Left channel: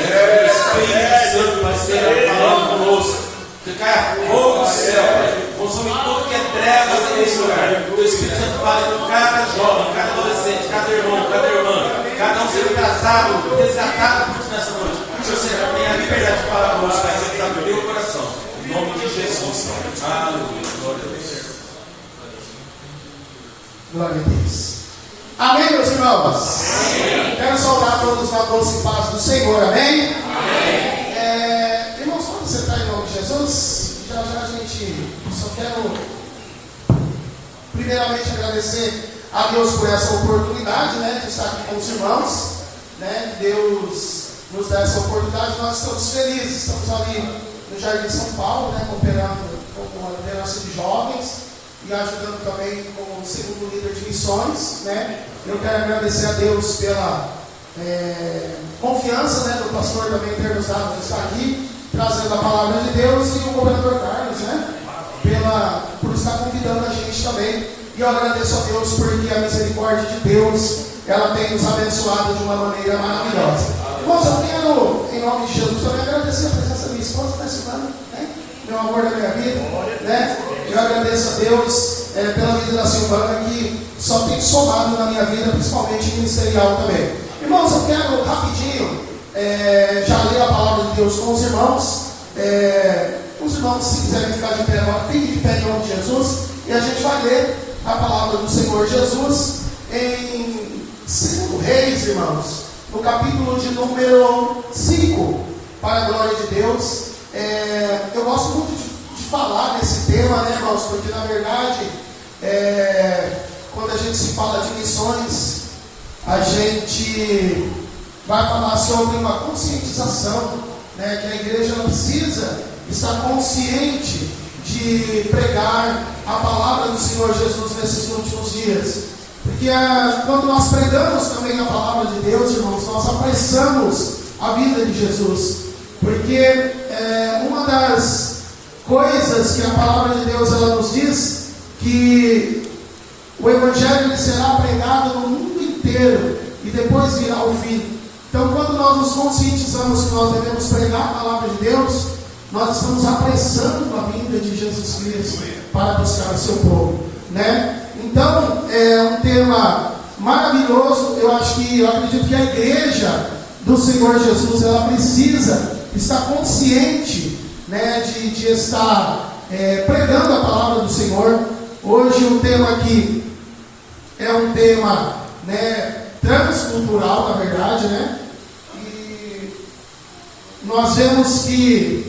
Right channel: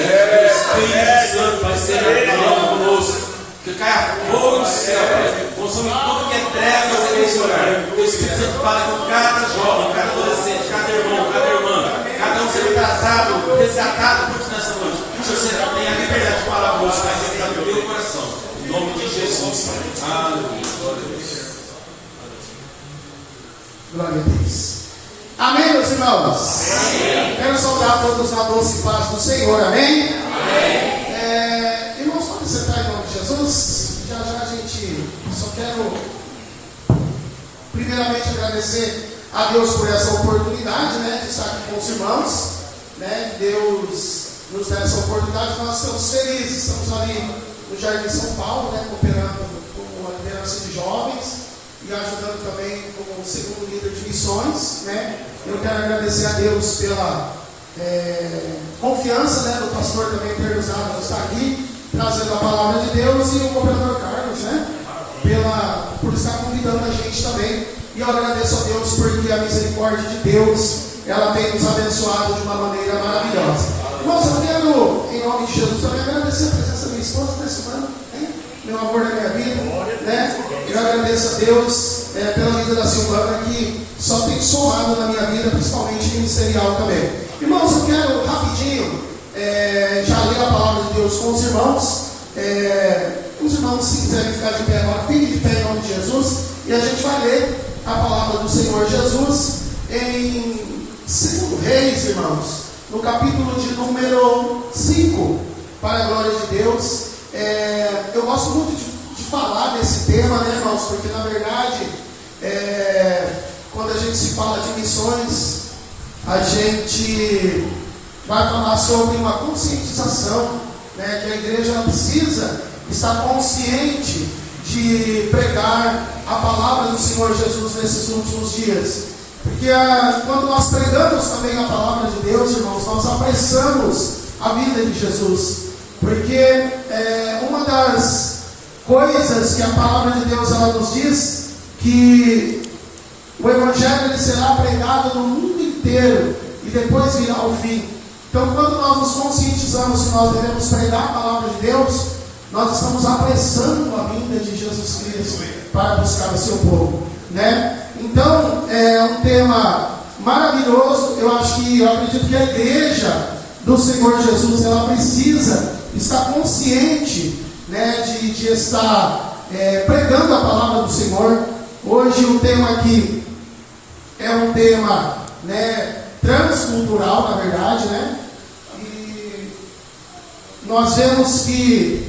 O Espírito Santo vai ser falando conosco. Que caia fogo do céu, consome tudo que é trevas nesse lugar. O Espírito Santo fala com cada jovem, cada adolescente, cada irmão, cada irmã, cada um ser tratado, resgatado por ti nessa noite. Que você tenha a liberdade de falar conosco, vai ser abrir o coração. Em nome de Jesus. Aleluia. Glória a Deus. Glória a Deus. Amém, meus irmãos? Amém. Quero saudar todos na doce paz do Senhor. Amém? Amém. Irmãos, quando você está em nome de Jesus, já a gente só quero primeiramente agradecer a Deus por essa oportunidade, né, de estar aqui com os irmãos, né, Deus nos dá essa oportunidade, nós estamos felizes, estamos ali no Jardim São Paulo, né, cooperando com a liderança de jovens e ajudando também como segundo líder de missões, né. Eu quero agradecer a Deus pela confiança, né, do pastor também ter nos dado de estar aqui trazendo a palavra de Deus, e o governador Carlos, né, por estar convidando a gente também. E eu agradeço a Deus porque a misericórdia de Deus, ela tem nos abençoado de uma maneira maravilhosa. Irmãos, eu quero, em nome de Jesus, também agradecer a presença da minha esposa, Priscila, né, meu amor da minha vida, né. Eu agradeço a Deus pela vida da Silvana, que só tem somado na minha vida, principalmente ministerial também. Irmãos, eu quero rapidinho já ler a palavra de Deus com os irmãos. Os irmãos, se quiserem ficar de pé agora, fiquem de pé em nome de Jesus, e a gente vai ler a palavra do Senhor Jesus em 2 Reis, irmãos, no capítulo de número 5, para a glória de Deus. Eu gosto muito de falar desse tema, né, irmãos, porque na verdade, quando a gente se fala de missões, a gente vai falar sobre uma conscientização, né, que a igreja precisa estar consciente de pregar a palavra do Senhor Jesus nesses últimos dias. Porque quando nós pregamos também a palavra de Deus, irmãos, nós apressamos a vida de Jesus. Porque uma das coisas que a palavra de Deus ela nos diz, que o Evangelho ele será pregado no mundo inteiro e depois virá o fim. Então, quando nós nos conscientizamos que nós devemos pregar a palavra de Deus, nós estamos apressando a vinda de Jesus Cristo para buscar o seu povo, né? Então, é um tema maravilhoso. Eu acredito que a igreja do Senhor Jesus, ela precisa estar consciente, né, de estar pregando a palavra do Senhor. Hoje o tema aqui é um tema, né, transcultural, na verdade, né? E nós vemos que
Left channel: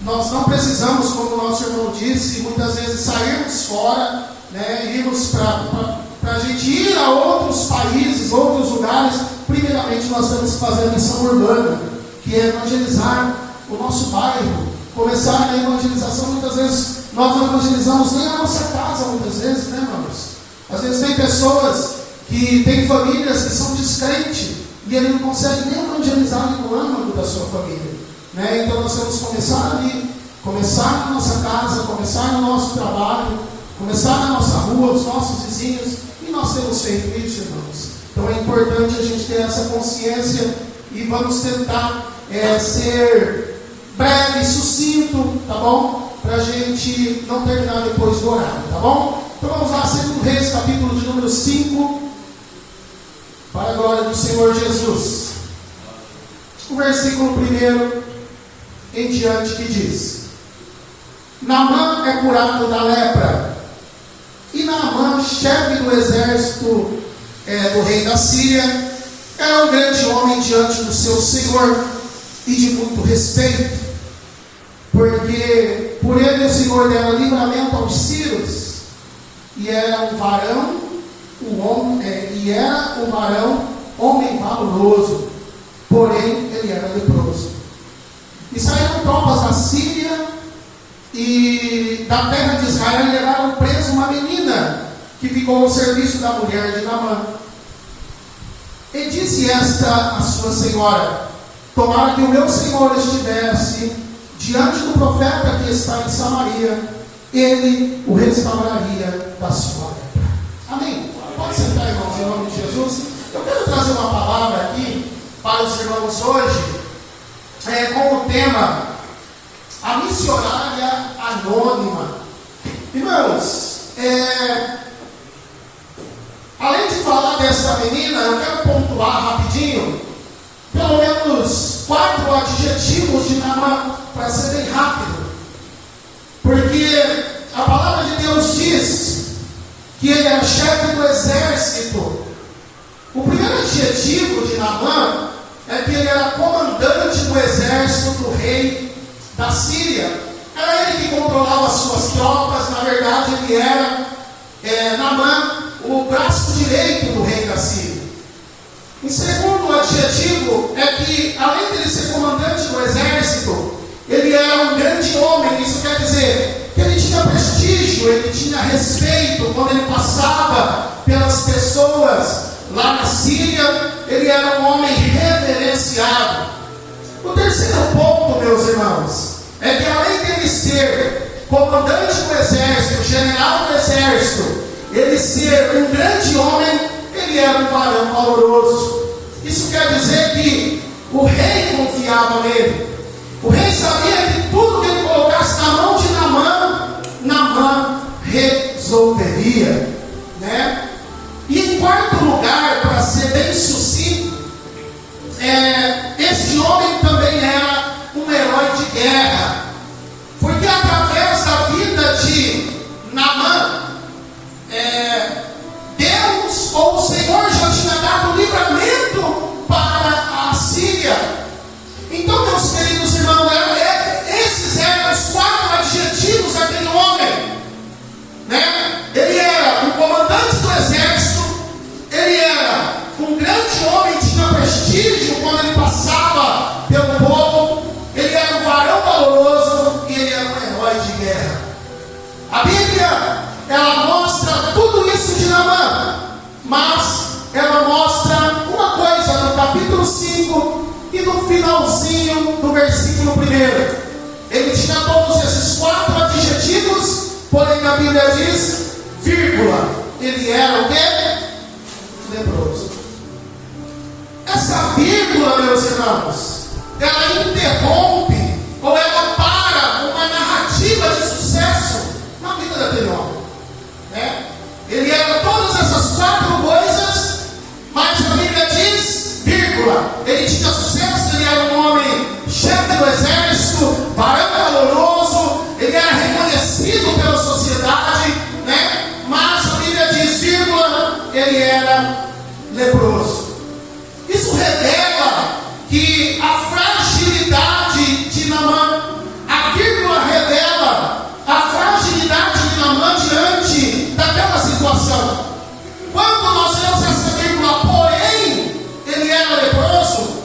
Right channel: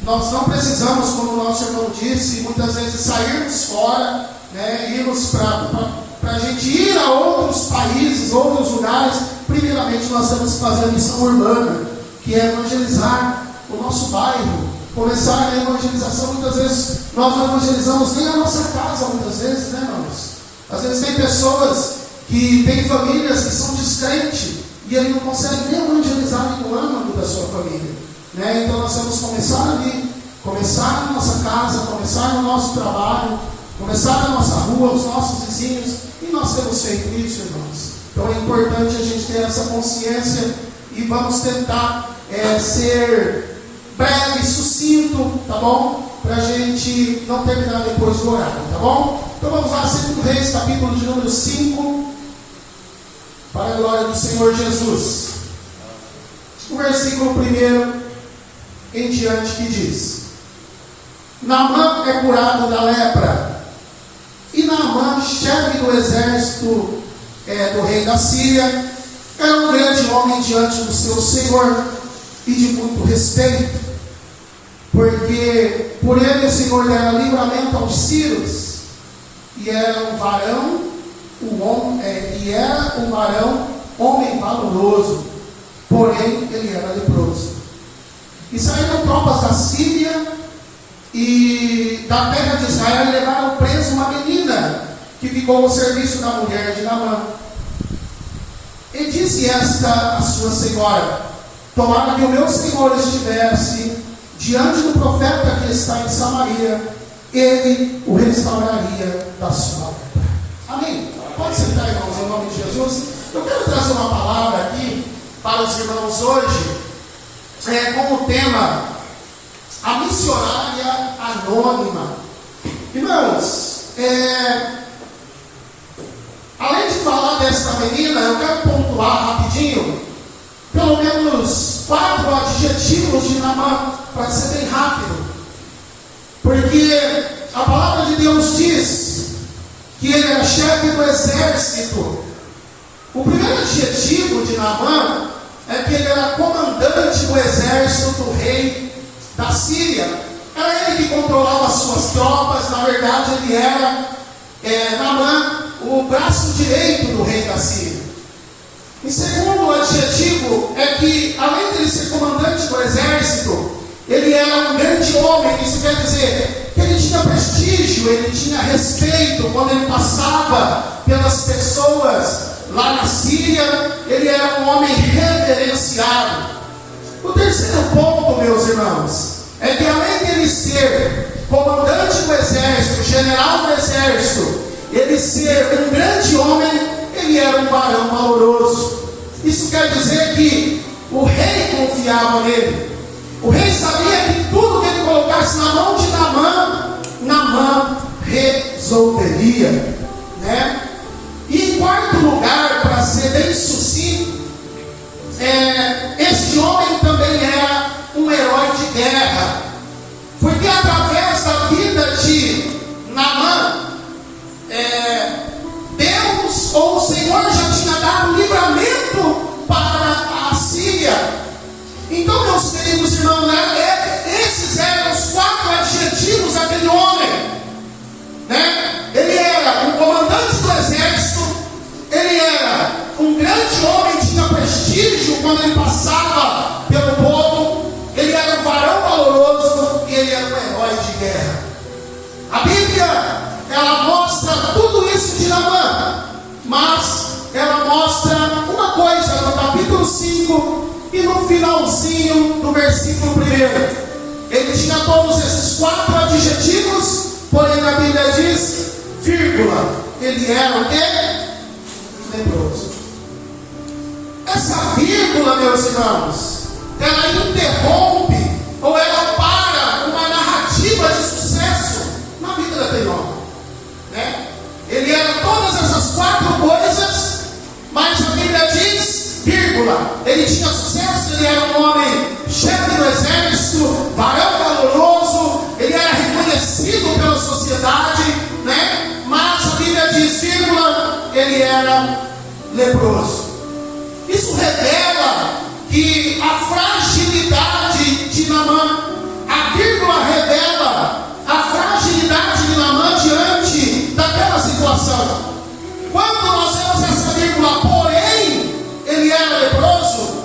nós não precisamos, como o nosso irmão disse, muitas vezes sairmos fora, né? Irmos para a gente ir a outros países, outros lugares. Primeiramente, nós temos que fazer a missão urbana, que é evangelizar o nosso bairro, começar a evangelização. Muitas vezes nós não evangelizamos nem a nossa casa, muitas vezes, né, irmãos? Às vezes tem pessoas que têm famílias que são descrentes e ele não consegue nem evangelizar no âmago da sua família, né? Então nós temos que começar ali, começar na nossa casa, começar no nosso trabalho, começar na nossa rua, os nossos vizinhos, e nós temos feito isso, irmãos. Então é importante a gente ter essa consciência e vamos tentar ser breve, sucinto, tá bom? Para a gente não terminar depois do horário, tá bom? Então vamos lá, 2 Reis, capítulo de número 5, para a glória do Senhor Jesus. O versículo 1 em diante que diz: Naamã é curado da lepra. E Naamã, chefe do exército do rei da Síria, era um grande homem diante do seu senhor e de muito respeito, porque por ele o Senhor dera livramento aos sírios, e era um varão, homem valoroso, porém ele era leproso. E saíram tropas da Síria e da terra de Israel e levaram preso uma menina que ficou ao serviço da mulher de Naamã. E disse esta a sua senhora: tomara que o meu senhor estivesse diante do profeta que está em Samaria, ele o restauraria da sua lepra. Amém? Pode sentar, irmãos, em nome de Jesus. Eu quero trazer uma palavra aqui para os irmãos hoje com o tema A Missionária Anônima. Irmãos, além de falar dessa menina, eu quero pontuar rapidinho pelo menos 4 adjetivos de Naamã, para ser bem rápido, porque a palavra de Deus diz que ele era chefe do exército. O primeiro adjetivo de Naamã é que ele era comandante do exército do rei da Síria. Era ele que controlava as suas tropas. Na verdade, ele era Naamã, o braço direito do rei da Síria. Em segundo adjetivo é que, além de ele ser comandante do exército, ele era um grande homem. Isso quer dizer que ele tinha prestígio, ele tinha respeito. Quando ele passava pelas pessoas lá na Síria, ele era um homem reverenciado. O terceiro ponto, meus irmãos, é que além de ele ser comandante do exército, general do exército, ele ser um grande homem, ele era um varão valoroso. Isso quer dizer que o rei confiava nele. O rei sabia que tudo que ele colocasse na mão de Naamã resolveria, né? E em quarto lugar, para ser bem sucinto, este homem também era um herói de guerra, porque através da vida de Naamã, Deus ou o Senhor já tinha dado livramento para a Síria. Então, meus queridos irmãos, esses eram os 4 adjetivos daquele homem, né? Ele era um comandante do exército, ele era um grande homem, tinha prestígio quando ele passava pelo povo, ele era um varão valoroso e ele era um herói de guerra. A Bíblia, ela mostra tudo isso de Naamã, mas ela mostra uma coisa no capítulo 5 e no finalzinho do versículo 1. Ele tinha todos esses 4 adjetivos, porém a Bíblia diz, vírgula, ele era o quê? Leproso. Essa vírgula, meus irmãos, ela interrompe ou ela para uma narrativa de sucesso na vida daquele homem, né? Ele era todas essas 4 coisas, mas a Bíblia diz, vírgula, ele tinha sucesso, ele era um homem chefe do exército, varão valoroso, ele era reconhecido pela sociedade, né? Mas a Bíblia diz, vírgula, ele era leproso. Isso revela que a fragilidade de Naamã, a vírgula revela a fragilidade de Naamã diante daquela situação. Quando nós vemos essa vírgula, porém, ele era leproso,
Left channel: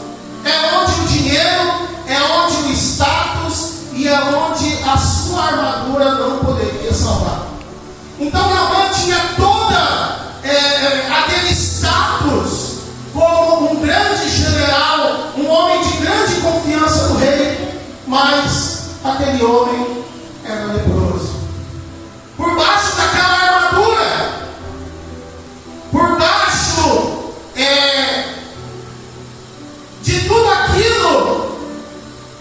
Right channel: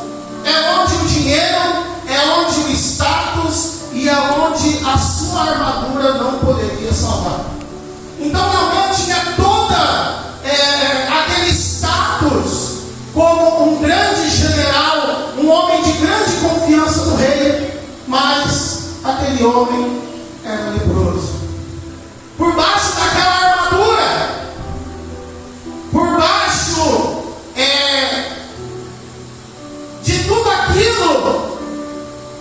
é onde o dinheiro, é onde o status e é onde a sua armadura não poderia salvar. Então Naamã tinha toda aquele status como um grande general, um homem de grande confiança do rei, mas aquele homem era leproso. Por baixo daquela armadura, por baixo de tudo aquilo,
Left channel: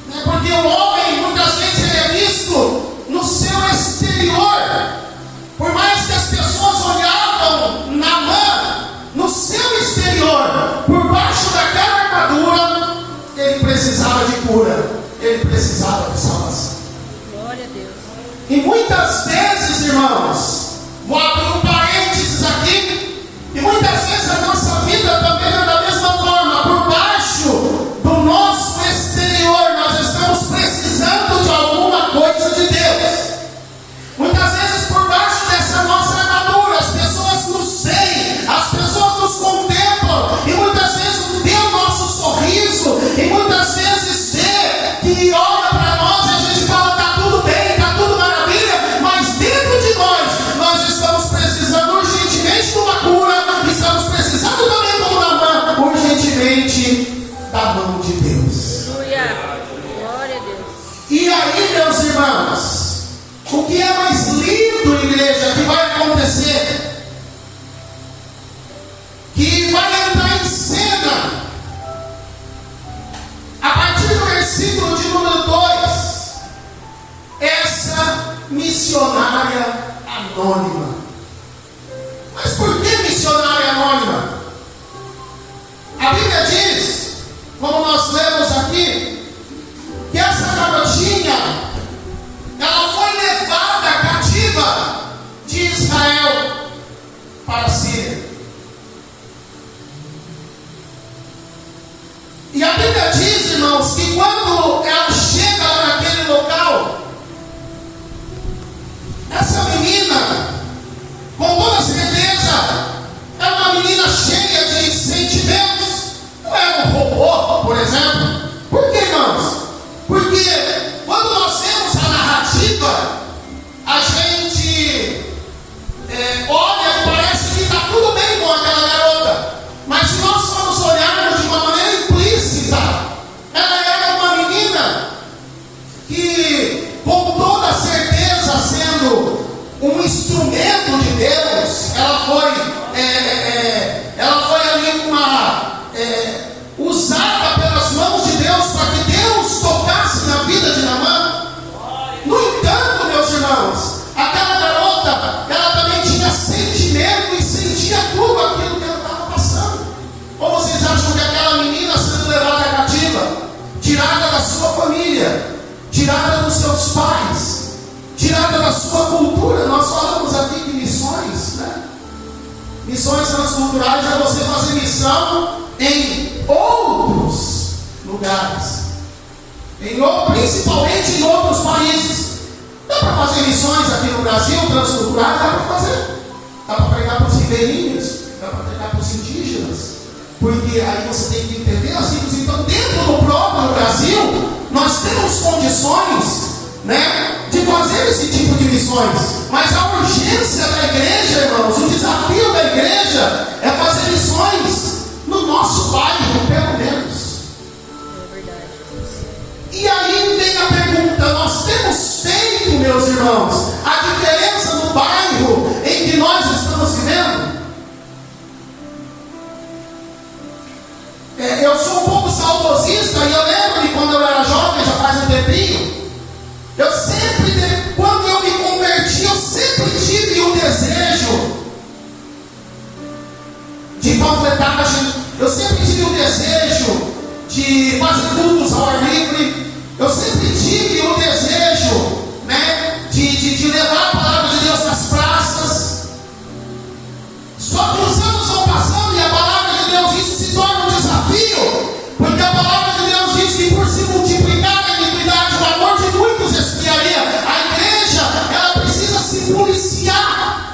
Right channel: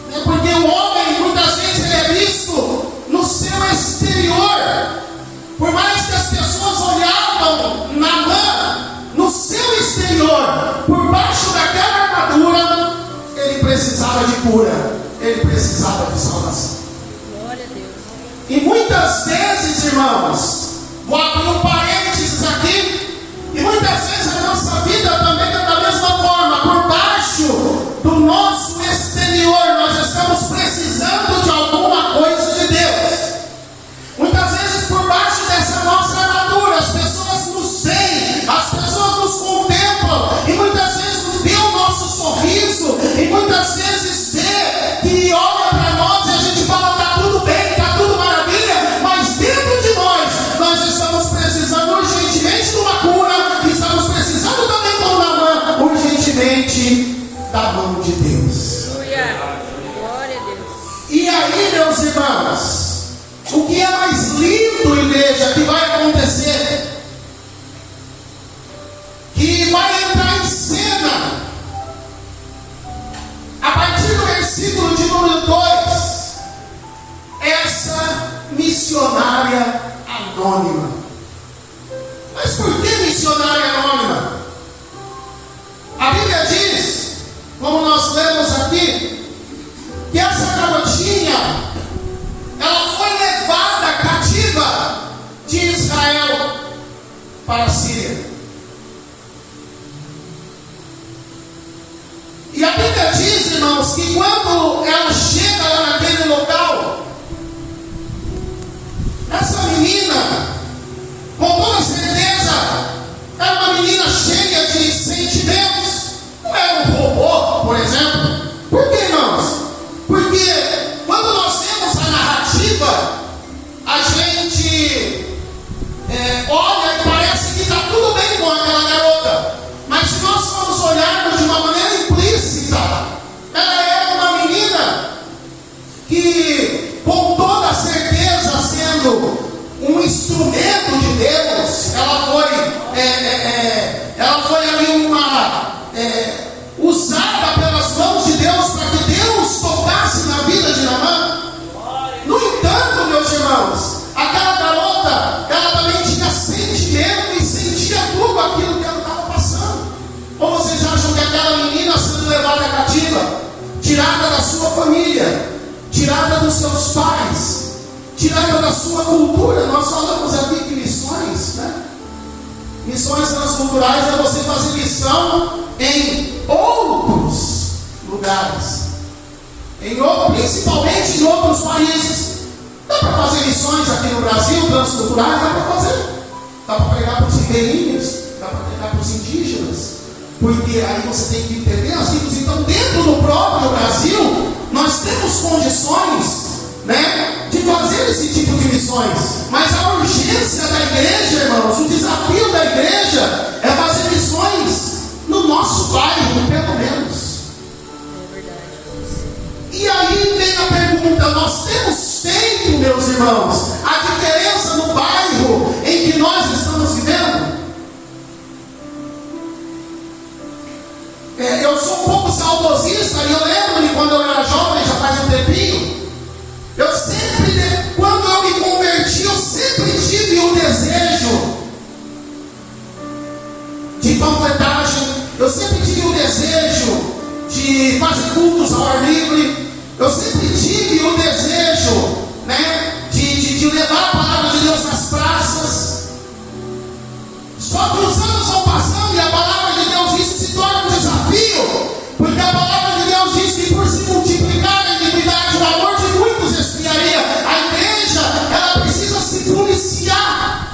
né? Porque o homem muitas vezes ele é visto no seu exterior. Por mais que as pessoas olhavam Naamã no seu exterior, por baixo daquela armadura, ele precisava de cura, ele precisava de salvação. Glória a Deus. E muitas vezes, irmãos, vou abrir um parênteses aqui, e muitas vezes a nossa vida também é da mesma forma. Por baixo do nosso exterior, nós estamos precisando de alguma coisa de Deus. Muitas vezes por baixo dessa nossa armadura, as pessoas nos veem, as pessoas nos contemplam, e muitas vezes vê o nosso sorriso, e muitas vezes vê que olha para nós e a gente fala, está tudo bem, está tudo maravilha, mas dentro de nós estamos precisando urgentemente de uma cura, estamos precisando também, como Naamã, urgentemente da mão de Deus. Glória a Deus. E aí, meus irmãos, o que é mais lindo, igreja, que vai acontecer? Que vai entrar em cena versículo de número 2, essa missionária anônima. Mas por que missionária anônima? A Bíblia diz, como nós lemos aqui, que essa garotinha, ela foi levada cativa de Israel para a Síria. E a Bíblia diz, irmãos, que quando ela chega lá naquele local, essa menina, com toda certeza, é uma menina cheia de sentimentos. Não é um robô, por exemplo. Por que, irmãos? Porque quando nós vemos a narrativa, a gente olha e parece que está tudo bem com aquela garota. Mas se nós formos olharmos de uma maneira implícita, ela era uma menina que, com toda certeza, sendo um instrumento de Deus, ela foi ali usada pelas mãos de Deus para que Deus tocasse na vida de Naamã. No entanto, meus irmãos, aquela garota, ela também tinha sentimento e sentia tudo aquilo que ela estava passando. Ou vocês acham que aquela menina sendo levada cativa, tirada da sua família, tirada dos seus pais, tirada da sua cultura? Nós falamos aqui de missões, né? Missões transculturais é você fazer missão em outros lugares, principalmente em outros países. Dá para fazer missões aqui no Brasil, transculturais? Dá para fazer. Dá para pregar para os ribeirinhos, dá para pregar para os indígenas, porque aí você tem que entender assim. Então, dentro do próprio Brasil, nós temos condições, né, de fazer esse tipo de missões. Mas a urgência da igreja, irmãos, o desafio da igreja é fazer missões no nosso bairro, pelo menos. É verdade. E aí vem a pergunta: nós temos feito, meus irmãos, a diferença no bairro em que nós estamos vivendo? Eu sou um pouco saudosista e eu lembro de quando eu era jovem, já faz um tempinho. Eu sempre, quando eu me converti, eu sempre tive um desejo de panfletagem. Eu sempre tive um desejo de fazer cultos ao ar livre. Eu sempre tive um desejo, né, de levar a palavra de Deus nas praças. Só que os anos vão passando e a palavra de Deus, isso se torna um desafio, porque a palavra de Deus diz que por se multiplicar a iniquidade, o amor de muitos esfriaria. A igreja, ela precisa se policiar.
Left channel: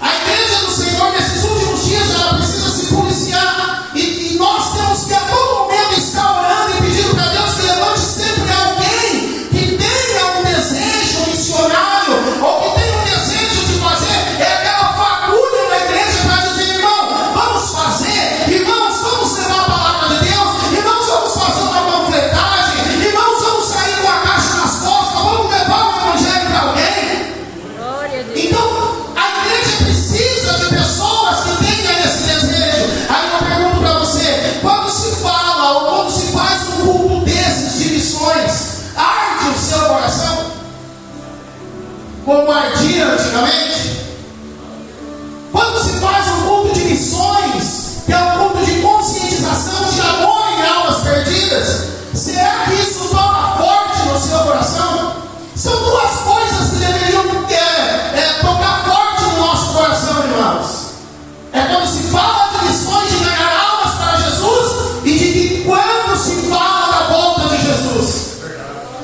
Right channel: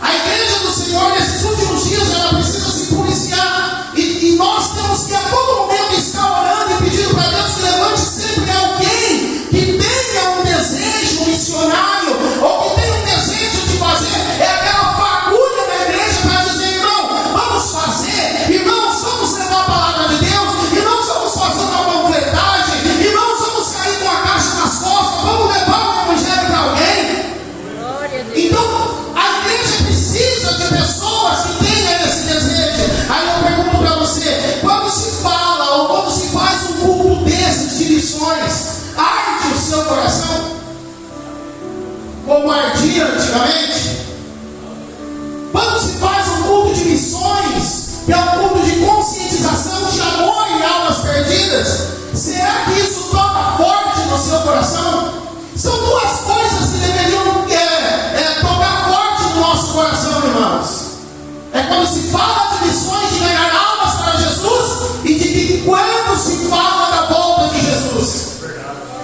A igreja do Senhor, nesses últimos dias, ela precisa se policiar. E nós temos que a todo momento estar orando e pedindo para Deus que levante sempre alguém que tenha um desejo missionário, ou que tenha um desejo de fazer aquela fagulha na igreja para dizer: irmão, vamos fazer, irmãos, vamos levar a palavra de Deus, irmãos, vamos fazer uma panfletagem, irmãos, vamos sair com a caixa nas costas, vamos levar o evangelho para alguém. Glória a Deus. Então, a igreja precisa de pessoas que tenham esse desejo. Aí eu pergunto para você: quando se fala ou quando se faz um culto desses de missões, arde o seu coração como ardia antigamente? Quando se faz um culto de missões, que é um culto de conscientização, de amor em almas perdidas, será que isso toca forte no seu coração? São duas coisas que deveriam tocar forte no nosso coração, irmãos. É quando se fala de missões, de ganhar almas para Jesus, e de que quando se fala da volta de Jesus.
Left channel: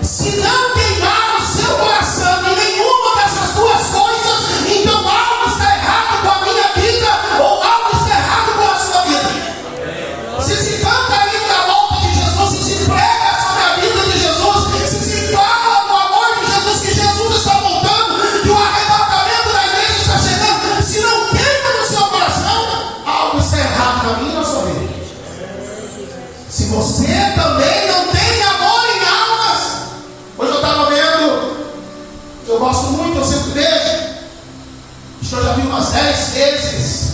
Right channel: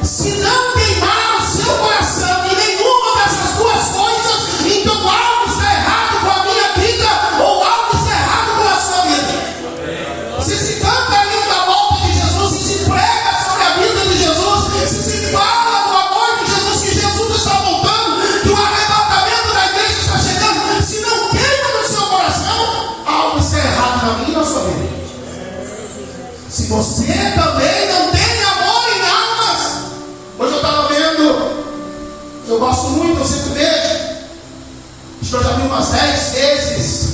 Se não queimar o seu coração em nenhuma dessas duas coisas, então algo está errado com a minha vida, ou algo está errado com a sua vida. Se se canta ainda a volta de Jesus, se se prega sobre a vida de Jesus, se se fala do amor de Jesus, que Jesus está voltando, que o arrebatamento da igreja está chegando, se não queima no seu coração, algo está errado na minha e na sua vida. Se você também não tem amor em almas. Hoje eu estava vendo, eu gosto muito, eu sempre vejo, acho que eu já vi umas 10 vezes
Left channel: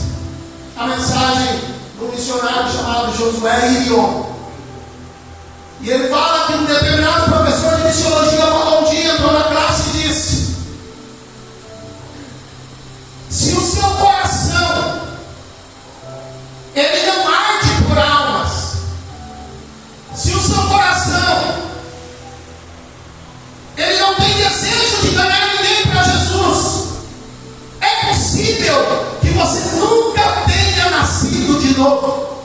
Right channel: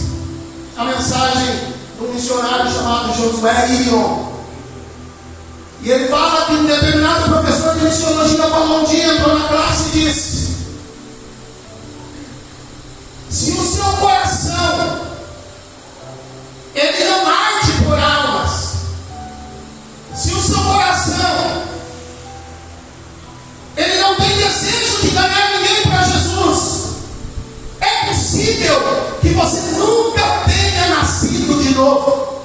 a mensagem do missionário chamado Josué Irion. E ele fala que um determinado professor de missiologia falou um dia, entrou na classe e disse: se o seu coração ele não arde por almas, se o seu coração ele não tem desejo de ganhar ninguém para Jesus, é possível que você nunca tenha nascido de novo.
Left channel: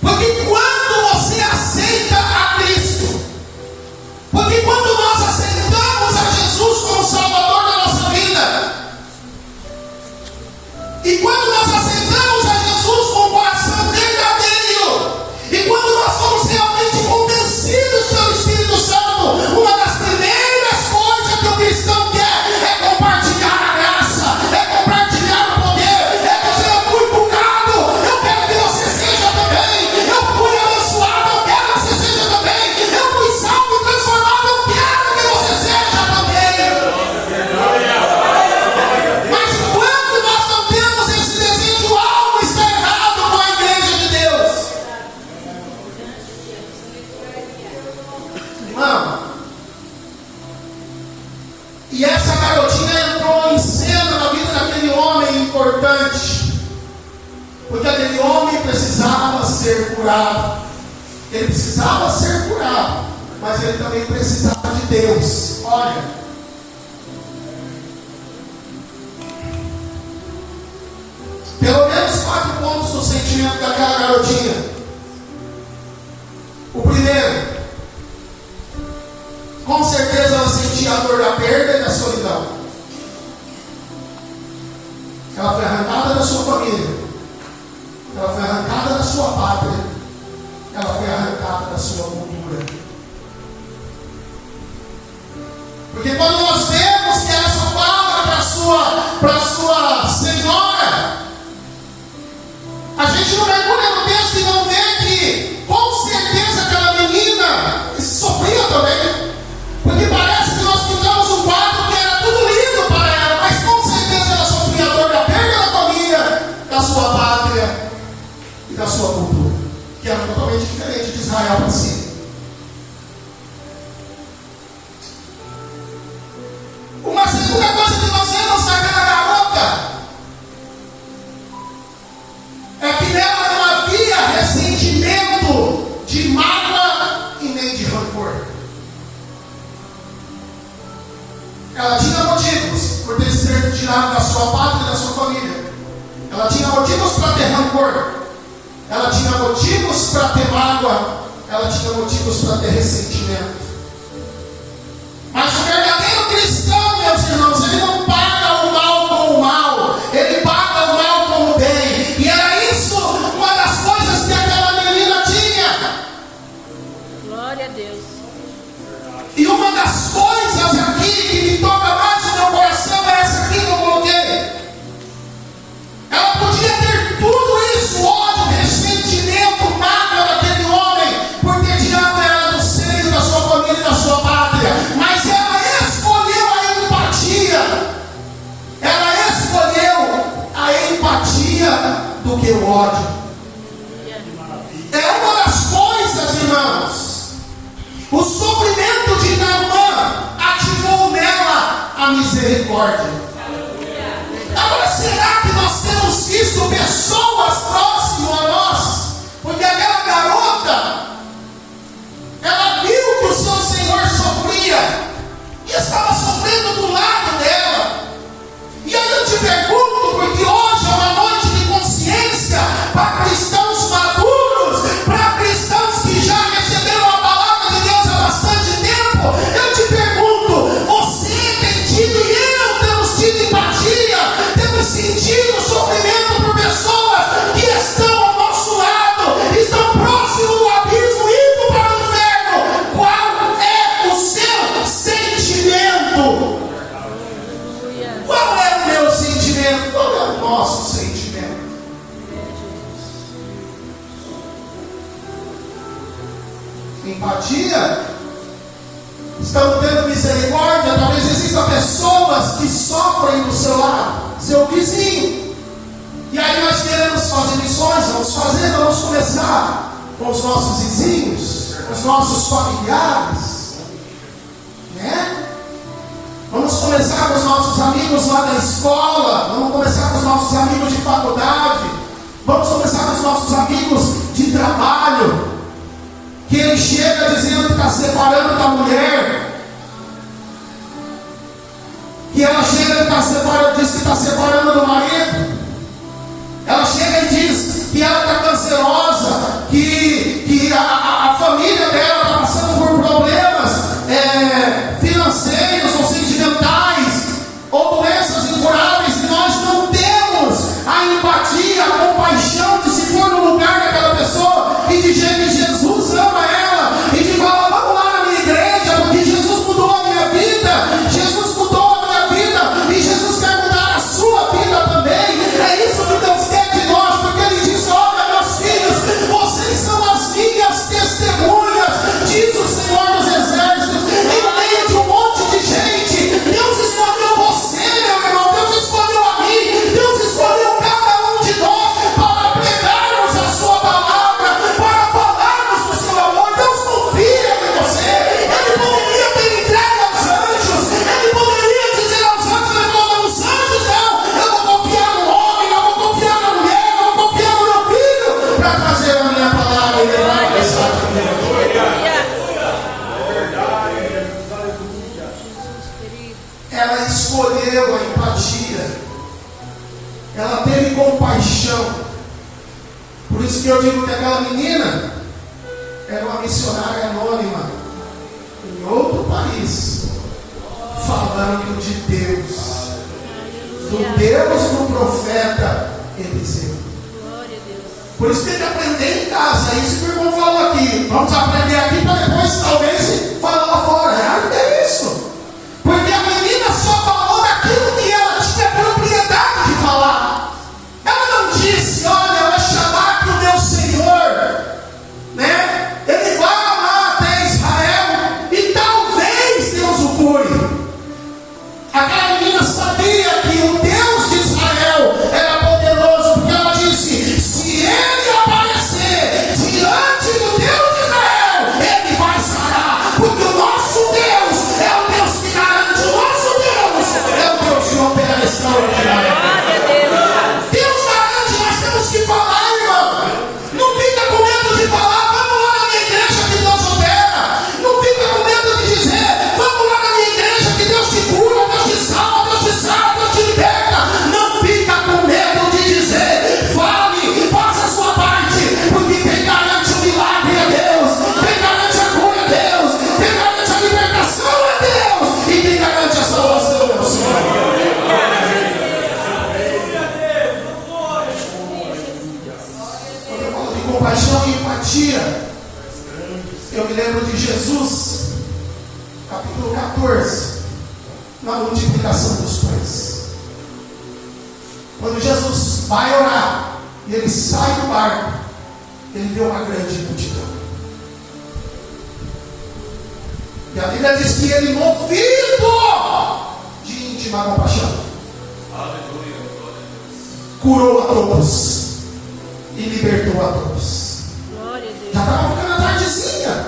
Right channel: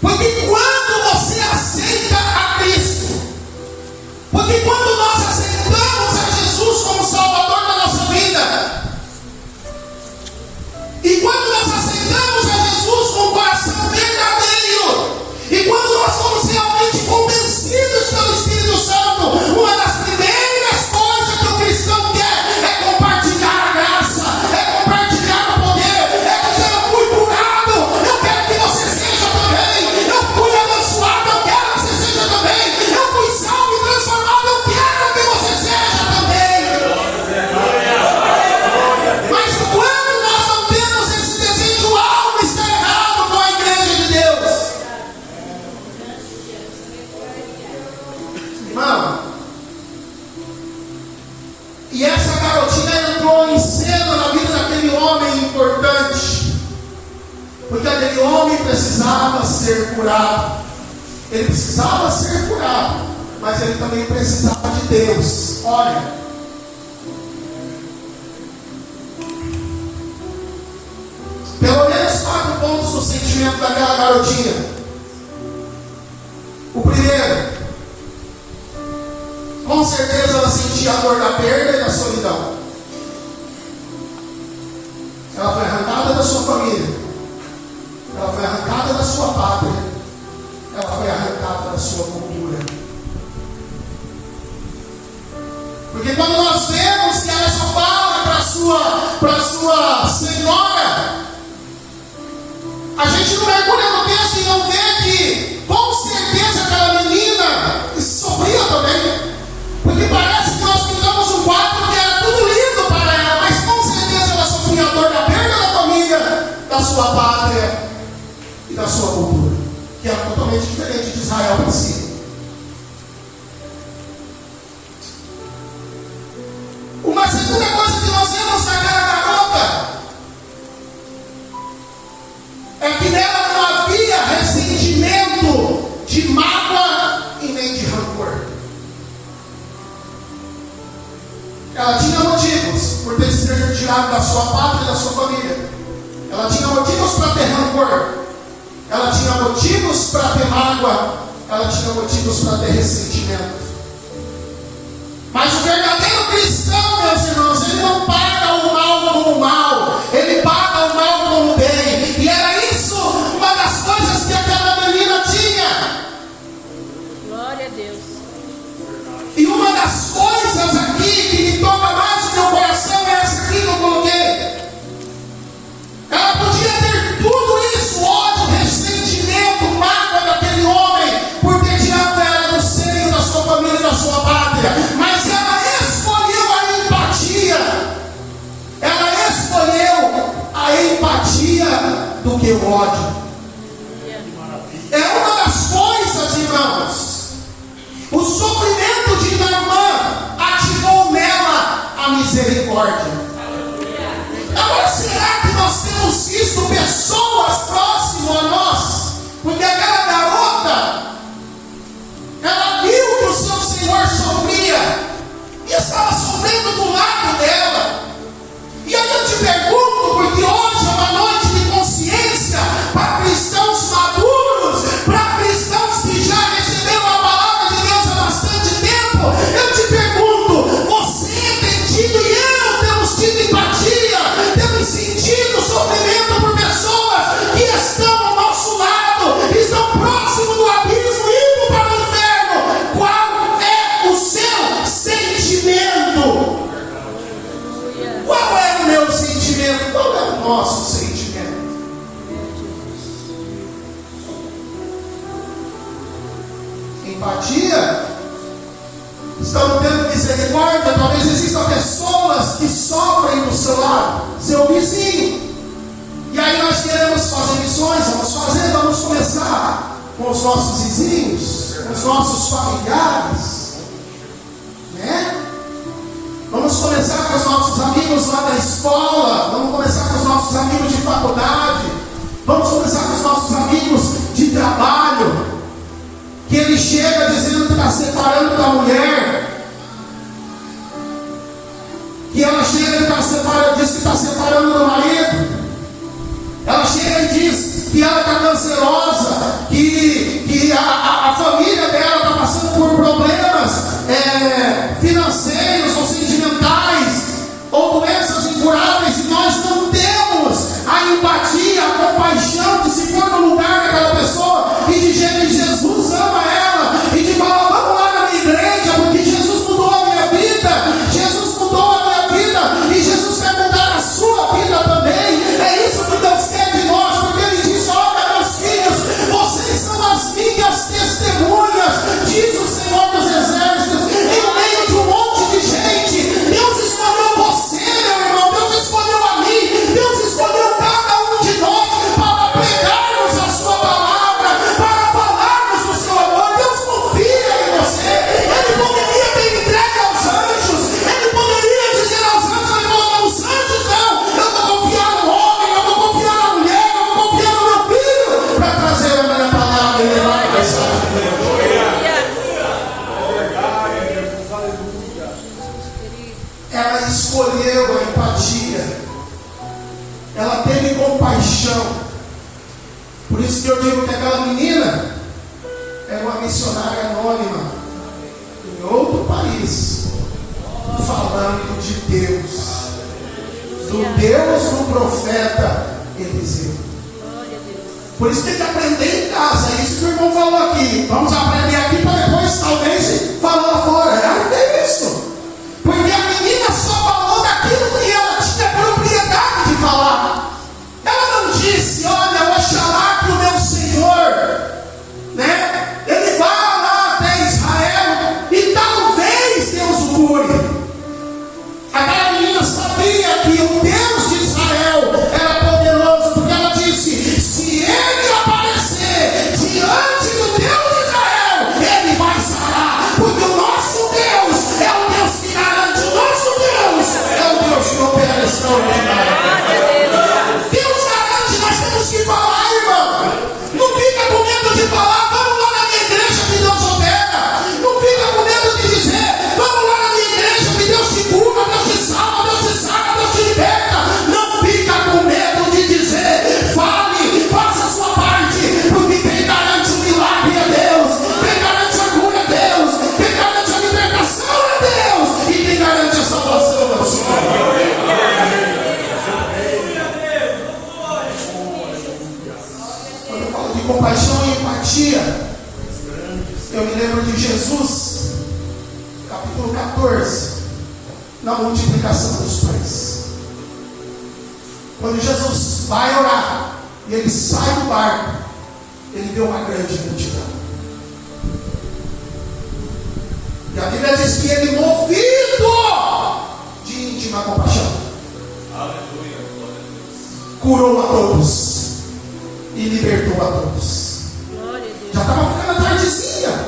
Porque quando você aceita a Cristo, porque quando nós aceitamos a Jesus como Salvador da nossa vida, e quando nós aceitamos a Jesus com o coração verdadeiro, e quando nós somos realmente convencidos pelo Espírito Santo, uma das primeiras coisas que o cristão quer é compartilhar a graça, é compartilhar o poder, é dizer: eu fui curado, eu quero que você seja também, eu fui abençoado, eu quero que você seja também, eu fui salvo e transformado, eu quero que você seja também. Mas quando nós não temos esse desejo, algo está errado com a igreja de Deus. Irmão, e essa garotinha entrou em cena na vida daquele homem importante, porque aquele homem precisava ser curado. Ele precisava ser curado, mas ele também precisava de Deus. Olha, pelo menos 4 pontos do sentimento daquela garotinha. O primeiro, com certeza ela sentia a dor da perda e da solidão. Ela foi arrancada da sua família, ela foi arrancada da sua pátria, ela foi arrancada da sua cultura. Porque quando nós vemos que ela só fala para a sua senhora, a gente não mergulha no texto e não vê que com certeza aquela menina sofria também. Porque parece que nós pintamos um quadro que era tudo lindo para ela, mas com certeza ela sofria a dor da perda da família, da sua pátria e da sua cultura, que era totalmente diferente de Israel para si. Uma segunda coisa que nós vemos naquela garota é que nela não havia ressentimento de mágoa e nem de rancor. Ela tinha motivos por ter sido tirada da sua pátria e da sua família. Ela tinha motivos para ter rancor. Ela tinha motivos para ter mágoa. Ela tinha motivos para ter ressentimento. Mas o verdadeiro cristão, meus irmãos, ele não paga o mal com o mal. Ele paga o mal com o bem. E era isso uma das coisas que aquela menina tinha. Glória a Deus. E uma das coisas aqui que me toca mais no meu coração é essa aqui que eu coloquei. Ela podia ter tudo isso: ódio, ressentimento, mágoa daquele homem por ter tirado ela do seio da sua família e da sua pátria. Mas ela escolheu a empatia. Ela escolheu a empatia do que o ódio. É uma das coisas, irmãos. O sofrimento de Naamã ativou nela a misericórdia. Agora, será que nós temos visto pessoas próximas a nós? Porque aquela garota, ela viu que o seu Senhor sofria e estava sofrendo do lado dela. E aí eu te pergunto, porque hoje é uma noite de consciência para cristãos maduros, para cristãos que já receberam a palavra de Deus há bastante tempo. Eu te pergunto, você tem tido e eu temos tido empatia, temos sentido o sofrimento por pessoas que estão ao nosso lado, estão próximos do abismo, indo para o inferno. Qual é o seu sentimento? Qual é o meu sentimento? Qual é o nosso sentimento? Empatia? Estamos tendo misericórdia? Talvez existam pessoas que sofrem do seu lado, seu vizinho. E aí nós queremos fazer missões, vamos começar com os nossos vizinhos. os nossos familiares, né? Vamos começar com os nossos amigos lá da escola, vamos começar com os nossos amigos de faculdade, vamos começar com os nossos amigos de trabalho, que ele chega dizendo que está separando da mulher, que ela chega e diz que está separando do marido, ela chega e diz que ela está cancerosa, que a família dela está passando por problemas financeiros ou sentimentais, ou doenças incuráveis, e nós não temos a empatia, a compaixão de se pôr no lugar daquela pessoa e de dizer que Jesus ama ela, e de falar: vamos lá na minha igreja, porque Jesus mudou a minha vida, Jesus mudou a minha vida, e Jesus quer mudar a sua vida também. É isso que Deus quer de nós, porque Ele disse: olha, meus filhos, vocês são as minhas testemunhas, diz o Senhor dos Exércitos, em meio de um monte de gente. Deus escolheu você, meu irmão, Deus escolheu a mim, Deus escolheu cada um de nós para pregarmos a sua palavra, para falarmos do seu amor. Deus confia em você. Ele poderia ter entregue aos anjos, ele poderia dizer aos anjos: ele falou: os anjos não, eu vou confiar no homem, eu vou confiar na mulher, eu vou confiar no meu filho para trazer a minha palavra e levar a mensagem de Deus. Ela escolheu a empatia, ela teve compaixão. Por isso que eu digo que aquela menina era uma missionária anônima em outro país, falando de Deus, do Deus do profeta Eliseu. Por isso tem que aprender em casa. É isso que o irmão falou aqui. Vamos aprender aqui para depois talvez falar lá fora. É isso. Porque a menina só falou daquilo que ela tinha propriedade de falar. Ela não disse: olha, eu Oxalá que o meu Senhor, né, ele vá lá até Israel e talvez Deus o cure. Aquela menina sabia que o Deus de Israel era poderoso, porque ela disse: se ele aparecer diante do Deus de Israel, ele vai sarar, porque o nosso Deus é o Deus que garante, o nosso Deus é o Deus que opera extraordinário. Deus garante, nós temos que falar, irmão. Não fica com medo de falar: vamos lá na minha igreja que Deus opera. Não fica com medo de dizer: vamos lá na minha igreja que Deus te cura, Deus te salva, Deus te salva, Deus te liberta. Não fica com medo de dizer. Fale, faça a sua parte, porque quem garante o milagre é Deus, quem garante a cura é Deus, quem garante a libertação é Deus, e quem garante a salvação é o Senhor. Quando eu falo de compaixão e empatia, eu me lembro de Jesus, capítulo 14, na multiplicação dos pães. Quando Jesus vai orar e ele sai do barco, ele vê uma grande multidão. E a Bíblia diz que ele, movido de íntima compaixão, curou a todos e libertou a todos. Já estava ficando a tardezinha.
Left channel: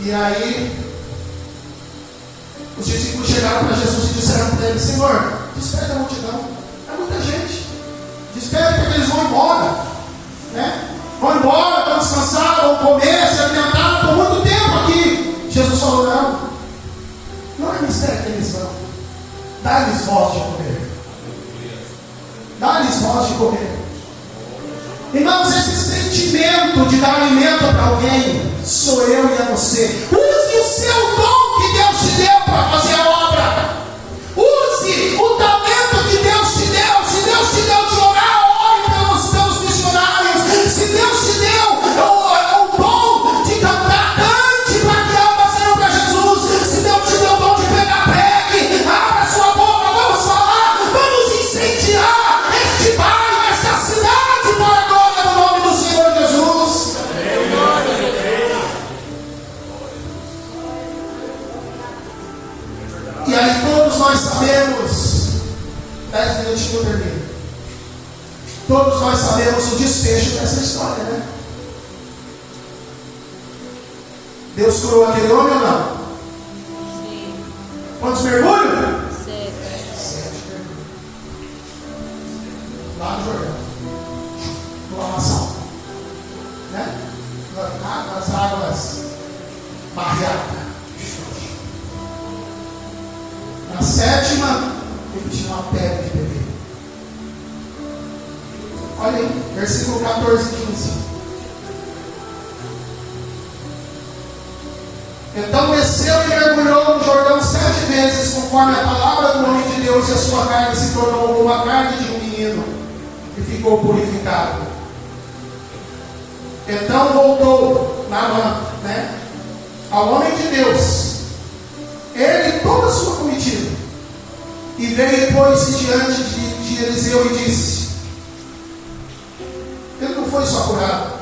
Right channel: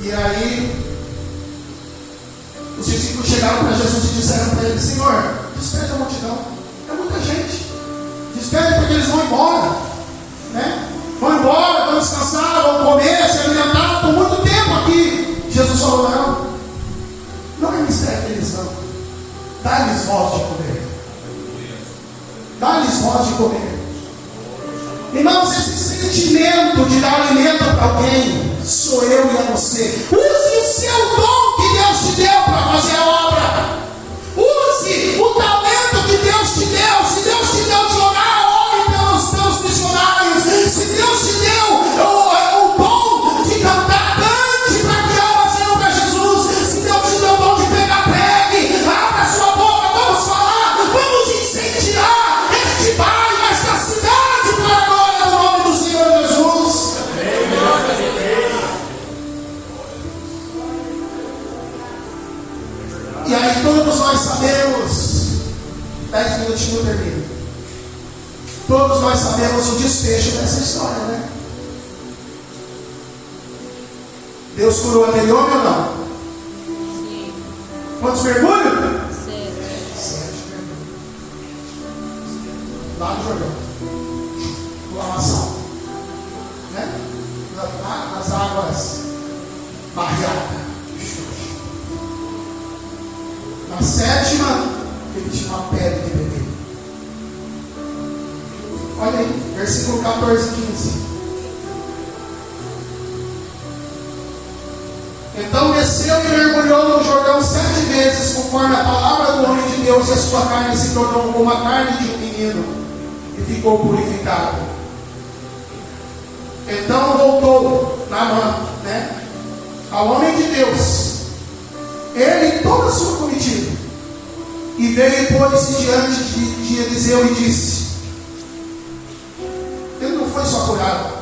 E aí os discípulos chegaram para Jesus e disseram para ele: Senhor, desperte a multidão, é muita gente, desperte porque eles vão embora, né? Vão embora, vão descansar, vão comer, se alimentar, por muito tempo aqui. Jesus falou: não é mistério que eles vão, dá-lhes voz de comer, dá-lhes voz de comer. Irmãos, esse sentimento de dar alimento para alguém sou eu e é você. Use o seu dom que Deus te deu para fazer a obra. Use o talento que Deus te deu. Se Deus te deu de orar, ore pelos missionários. Se Deus te deu o dom de cantar, cante para que almas sejam para Jesus. Se Deus te deu o dom de pregar, pregue. Abra a sua boca, vamos falar, vamos incendiar este bairro, esta cidade para a glória do nome do Senhor Jesus. E aí todos nós sabemos, 10 minutinhos eu termino. Todos nós sabemos o desfecho dessa história, né? Deus curou aquele homem ou não? Quantos mergulhos? 7 mergulhos. Lá no Jordão. No lamaçal. Né? Nas águas barreadas. Na 7ª, ele tinha uma pedra de beber. Olha aí, versículo 14 e 15. Então desceu e mergulhou no Jordão 7 vezes, conforme a palavra do homem de Deus, e a sua carne se tornou como a carne de um menino, e ficou purificado. Então voltou ao homem de Deus, ele e toda a sua comitiva, e veio e pôs-se diante de Eliseu e disse: ele não foi só curado.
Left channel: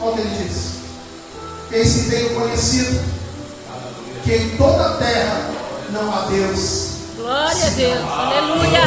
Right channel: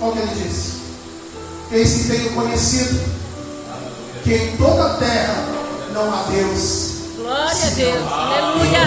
Olha o que ele disse: eis que tenho conhecido que em toda a terra não há Deus. Glória a Deus. Aleluia.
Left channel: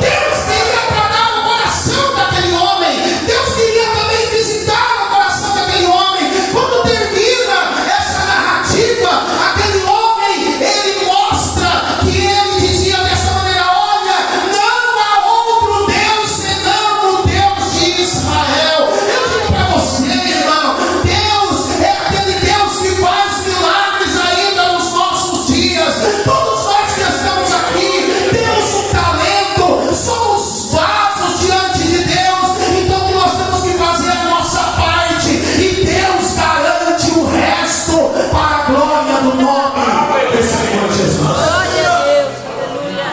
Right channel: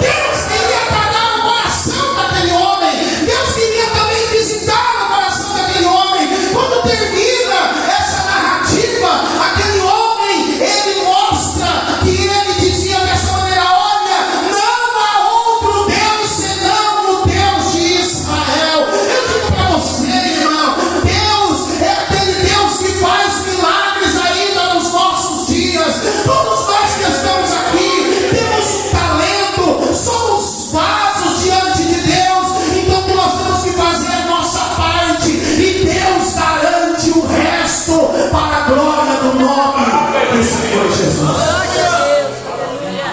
Deus queria tratar o coração daquele homem. Deus queria também visitar o coração daquele homem. Quando termina essa narrativa, aquele homem, ele mostra que ele dizia dessa maneira: olha, não há outro Deus senão o Deus de Israel. Eu digo para você, irmão, Deus é aquele Deus que faz milagres ainda nos nossos dias. Todos nós que estamos aqui temos um talento, somos vasos diante de Deus. Então o que nós temos que fazer é a nossa parte, e Deus garante o resto para a glória do nome do Senhor Jesus. Glória a Deus. Aleluia.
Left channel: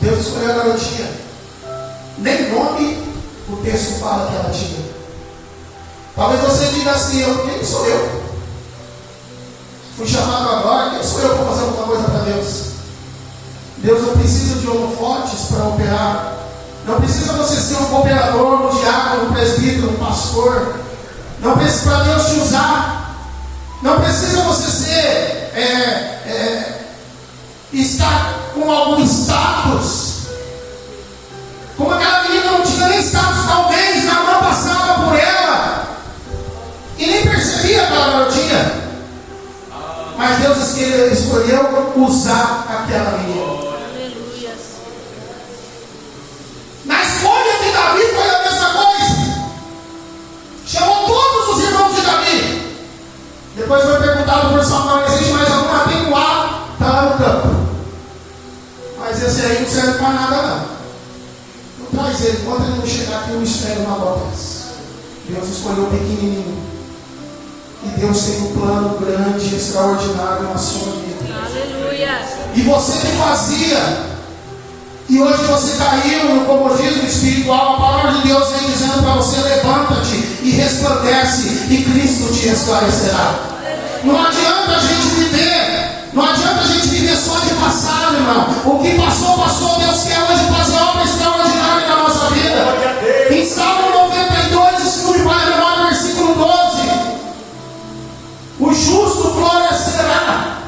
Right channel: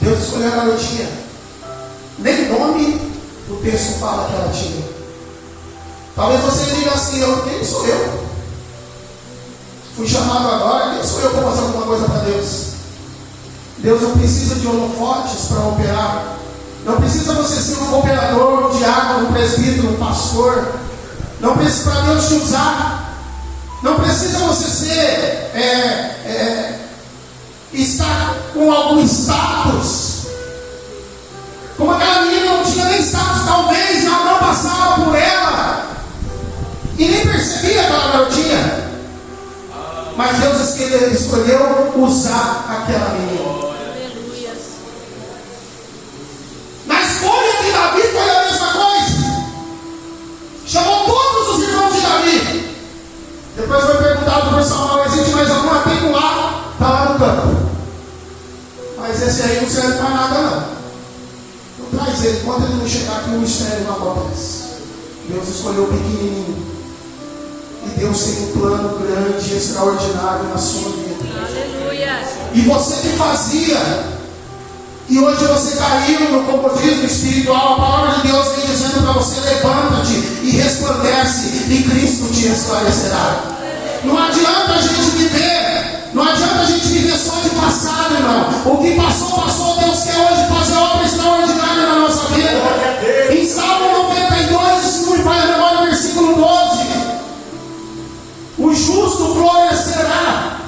Deus escolheu a garotinha. Nem nome o texto fala que ela tinha. Talvez você diga assim: quem sou eu? Fui chamado agora, quem sou eu para fazer alguma coisa para Deus? Deus não precisa de holofotes para operar. Não precisa você ser um operador, um diácono, um presbítero, um pastor. Não precisa para Deus te usar. Não precisa você ser estar com algum status. Como aquela menina não tinha nem status, talvez Naamã passava por ela e nem percebia aquela garotinha. Mas Deus escolheu usar aquela menina. Aleluia. Na escolha de Davi foi a mesma coisa. Chamou todos os irmãos de Davi. Depois foi perguntado por Samuel: existe mais alguma? Tem um lá, está lá no campo. Mas esse aí não serve para nada não. Não traz ele, quando ele não chegar aqui, o mistério não acontece. Deus escolheu o pequenininho. E Deus tem um plano grande e extraordinário na sua vida. Aleluia. E você que fazia, e hoje você caiu no comodismo espiritual, a palavra de Deus vem dizendo para você: levanta-te e resplandece, e Cristo te esclarecerá. Não adianta a gente viver, não adianta a gente viver só de passado, irmão. O que passou, passou. Deus quer hoje fazer obra extraordinária na nossa vida. Em Salmo 92, se não me falha a memória, versículo 12: o justo florescerá.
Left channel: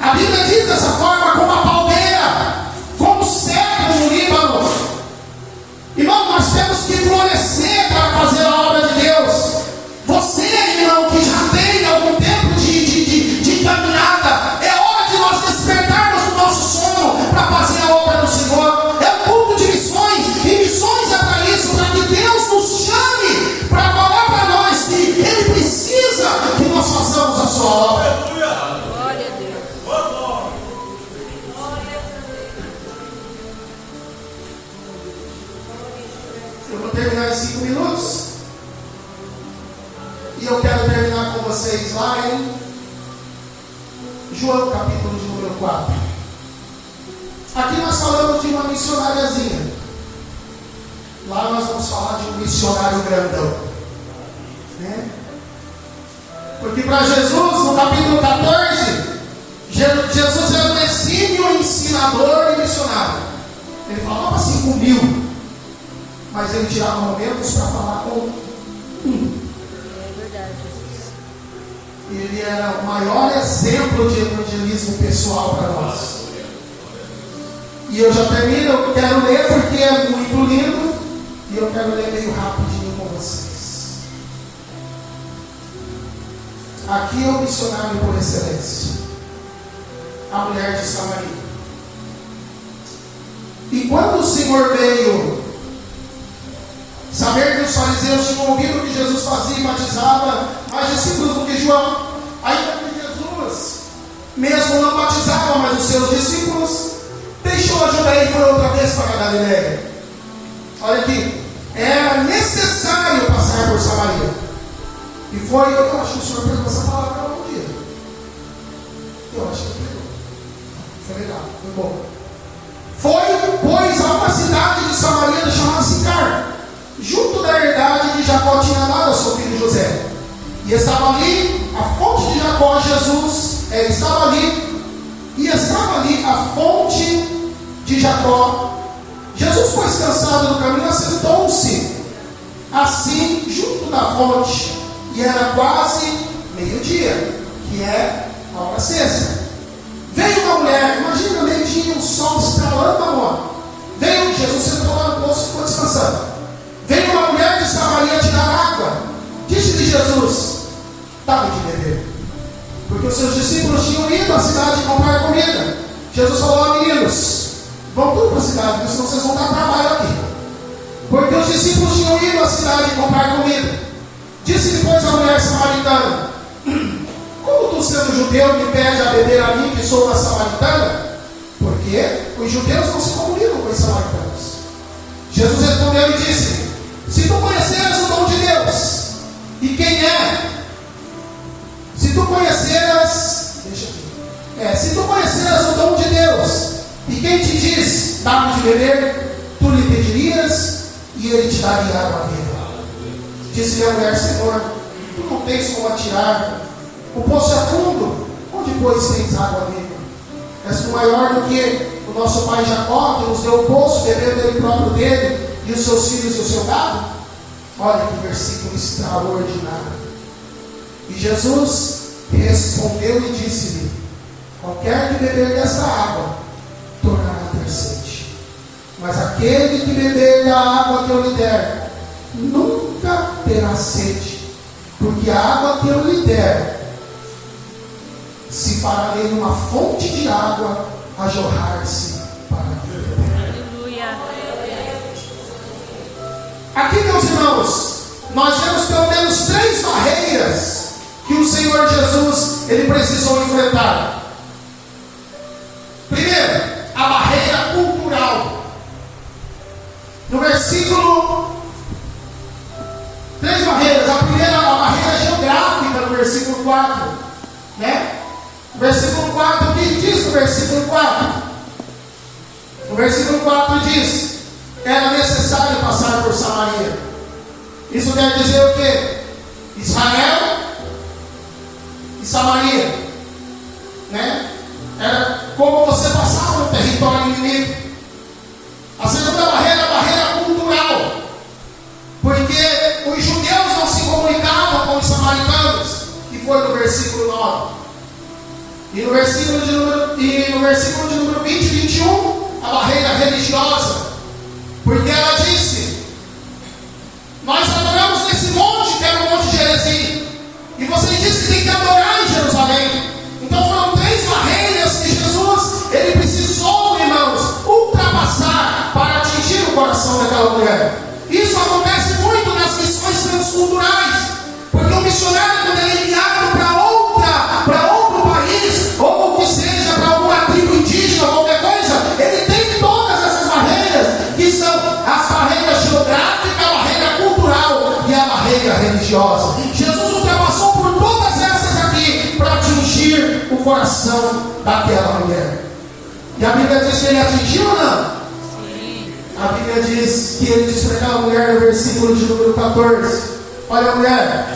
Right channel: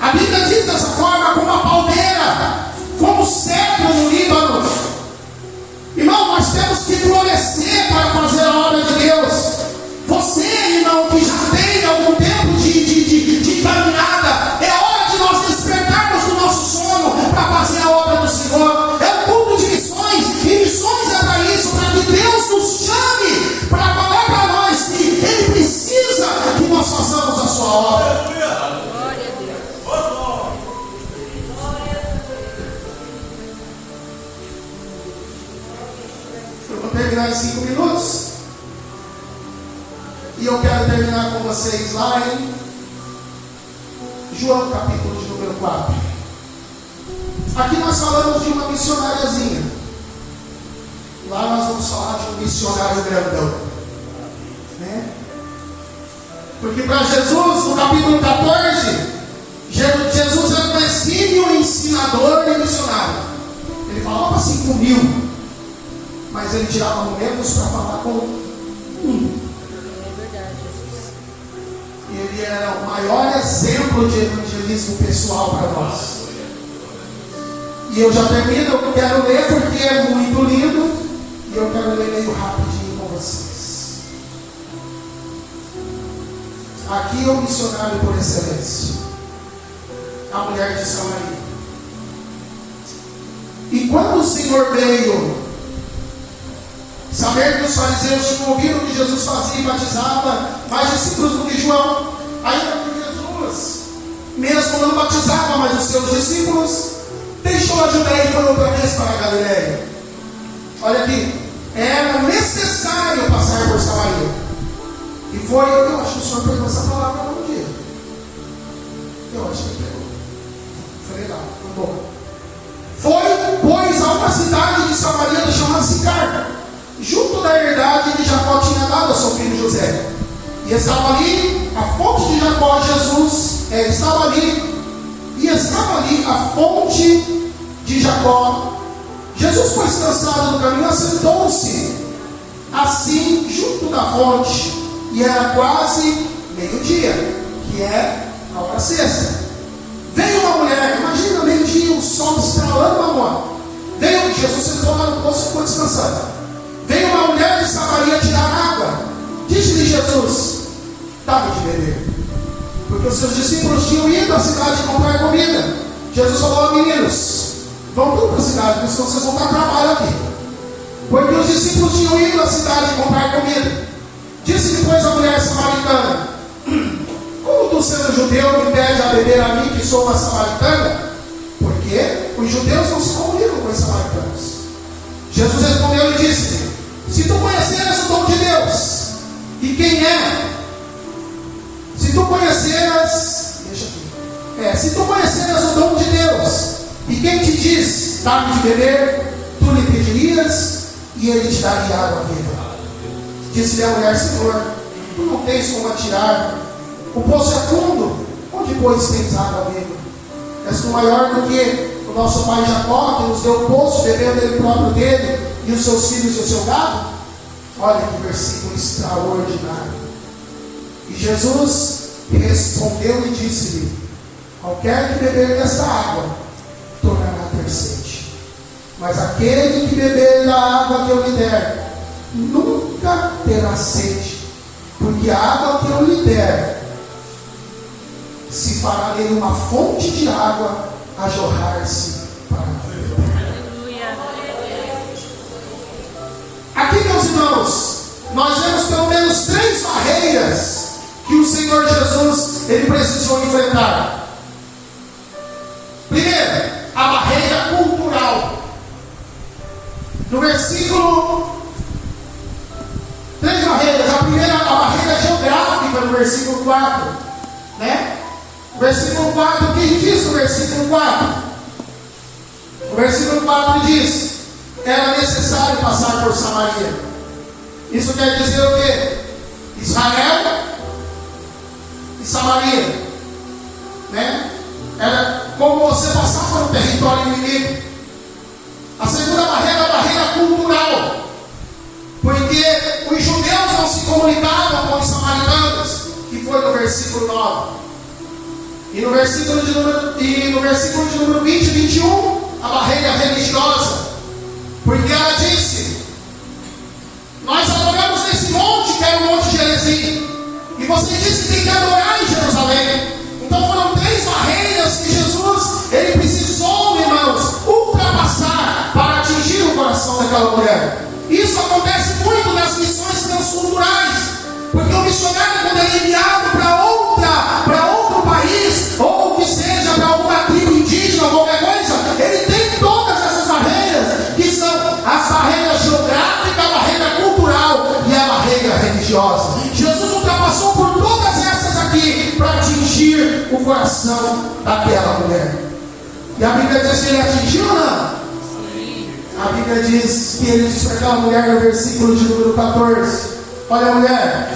A Bíblia diz dessa forma: como a palmeira, como cedro no Líbano. Irmão, nós temos que florescer para fazer a obra de Deus. Você, irmão, que já tem algum tempo de caminhada, é hora de nós despertarmos do nosso sono para fazer a obra do Senhor. É um culto de missões, e missões é para isso, para que Deus nos chame para falar para nós que Ele precisa que nós façamos a sua obra. Glória a Deus. Eu vou terminar em 5 minutos. E eu quero terminar com vocês lá em João, capítulo de número 4. Aqui nós falamos de uma missionariazinha. Lá nós vamos falar de um missionário grandão, né? Porque para Jesus, no capítulo 14, Jesus era um exímio ensinador e missionário. Ele falava 5.000, mas ele tirava momentos para falar com um. Ele era o maior exemplo de evangelismo pessoal para nós. E eu já termino, eu quero ler porque é muito lindo. E eu quero ler meio rapidinho com vocês. Aqui é o missionário por excelência, a mulher de Samaria. E quando o Senhor veio saber que os fariseus tinham ouvido o que Jesus fazia e batizava mais discípulos do que João, ainda que Jesus mesmo não batizava mais os seus discípulos, deixou a Judeia e foi outra vez para a Galileia. Olha aqui, era necessário passar por Samaria. E foi, eu acho que o Senhor pegou essa palavra um dia. Eu acho que ele pegou. Foi legal, foi bom. Foi, pois, a uma cidade de Samaria chamada Sicar, junto da herdade de Jacó tinha dado a seu filho José. E estava ali a fonte de Jacó. Estava ali a fonte de Jacó. Jesus, pois, cansado do caminho, assentou-se assim junto da fonte, e era quase meio-dia, que é a hora sexta. Veio uma mulher, imagina meio-dia, o sol estralando na mão. Veio, Jesus sentou lá no poço e ficou descansando. Veio uma mulher de Samaria tirar água. Disse-lhe Jesus: dá-me de beber. Porque os seus discípulos tinham ido à cidade comprar comida. Jesus falou: a meninos, vão tudo para a cidade, porque senão vocês vão dar trabalho aqui. Porque os discípulos tinham ido à cidade comprar comida. Disse depois a mulher samaritana: como tu, sendo judeu, me pede a beber a mim, que sou uma samaritana? Porque os judeus não se comunicam com os samaritanos. Jesus respondeu e disse: se tu conheceras o dom de Deus, e quem é? Se tu conheceras o dom de Deus, e quem te diz, dá-me de beber, tu lhe pedirias, e ele te daria água viva. Disse-lhe a mulher: Senhor, tu não tens como atirar, o poço é fundo, onde pois tens água viva? És tu maior do que o nosso pai Jacó, que nos deu o poço, bebendo ele próprio dele, e os seus filhos e o seu gado? Olha que versículo extraordinário. E Jesus respondeu e disse-lhe: qualquer que beber dessa água tornará ter sede, mas aquele que beber da água que eu lhe der nunca terá sede, porque a água que eu lhe der se fará nele uma fonte de água a jorrar-se para a vida. Aqui, meus irmãos, nós vemos pelo menos 3 barreiras que o Senhor Jesus ele precisou enfrentar. Primeiro, a barreira cultural. No versículo, 3 barreiras. A primeira, a barreira geográfica, no versículo 4, né? O versículo 4, o que diz o versículo 4? O versículo 4 diz: era necessário passar por Samaria. Isso quer dizer o quê? Israel e Samaria, né? Era como você passava no território inimigo. A segunda barreira é a barreira cultural, porque os judeus não se comunicavam com os samaritanos, que foi no versículo 9. E no versículo de número 20 e 21, a barreira religiosa, porque ela disse: nós adoramos nesse monte, que era o Monte Gerizim, e você disse que tem que adorar em Jerusalém. Então foram 3 barreiras que Jesus ele precisou, irmãos, ultrapassar para atingir o coração daquela mulher. Isso acontece muito nas missões transculturais, porque o missionário, quando ele é enviado para outro país, ou que seja para alguma tribo indígena, qualquer coisa, ele tem todas essas barreiras, que são as barreiras geográficas, a barreira cultural e a barreira religiosa. Jesus ultrapassou por todas essas aqui para atingir o coração daquela mulher. E a Bíblia diz que ele atingiu ou não? A Bíblia diz que ele disse para aquela mulher no versículo de número 14: olha, mulher,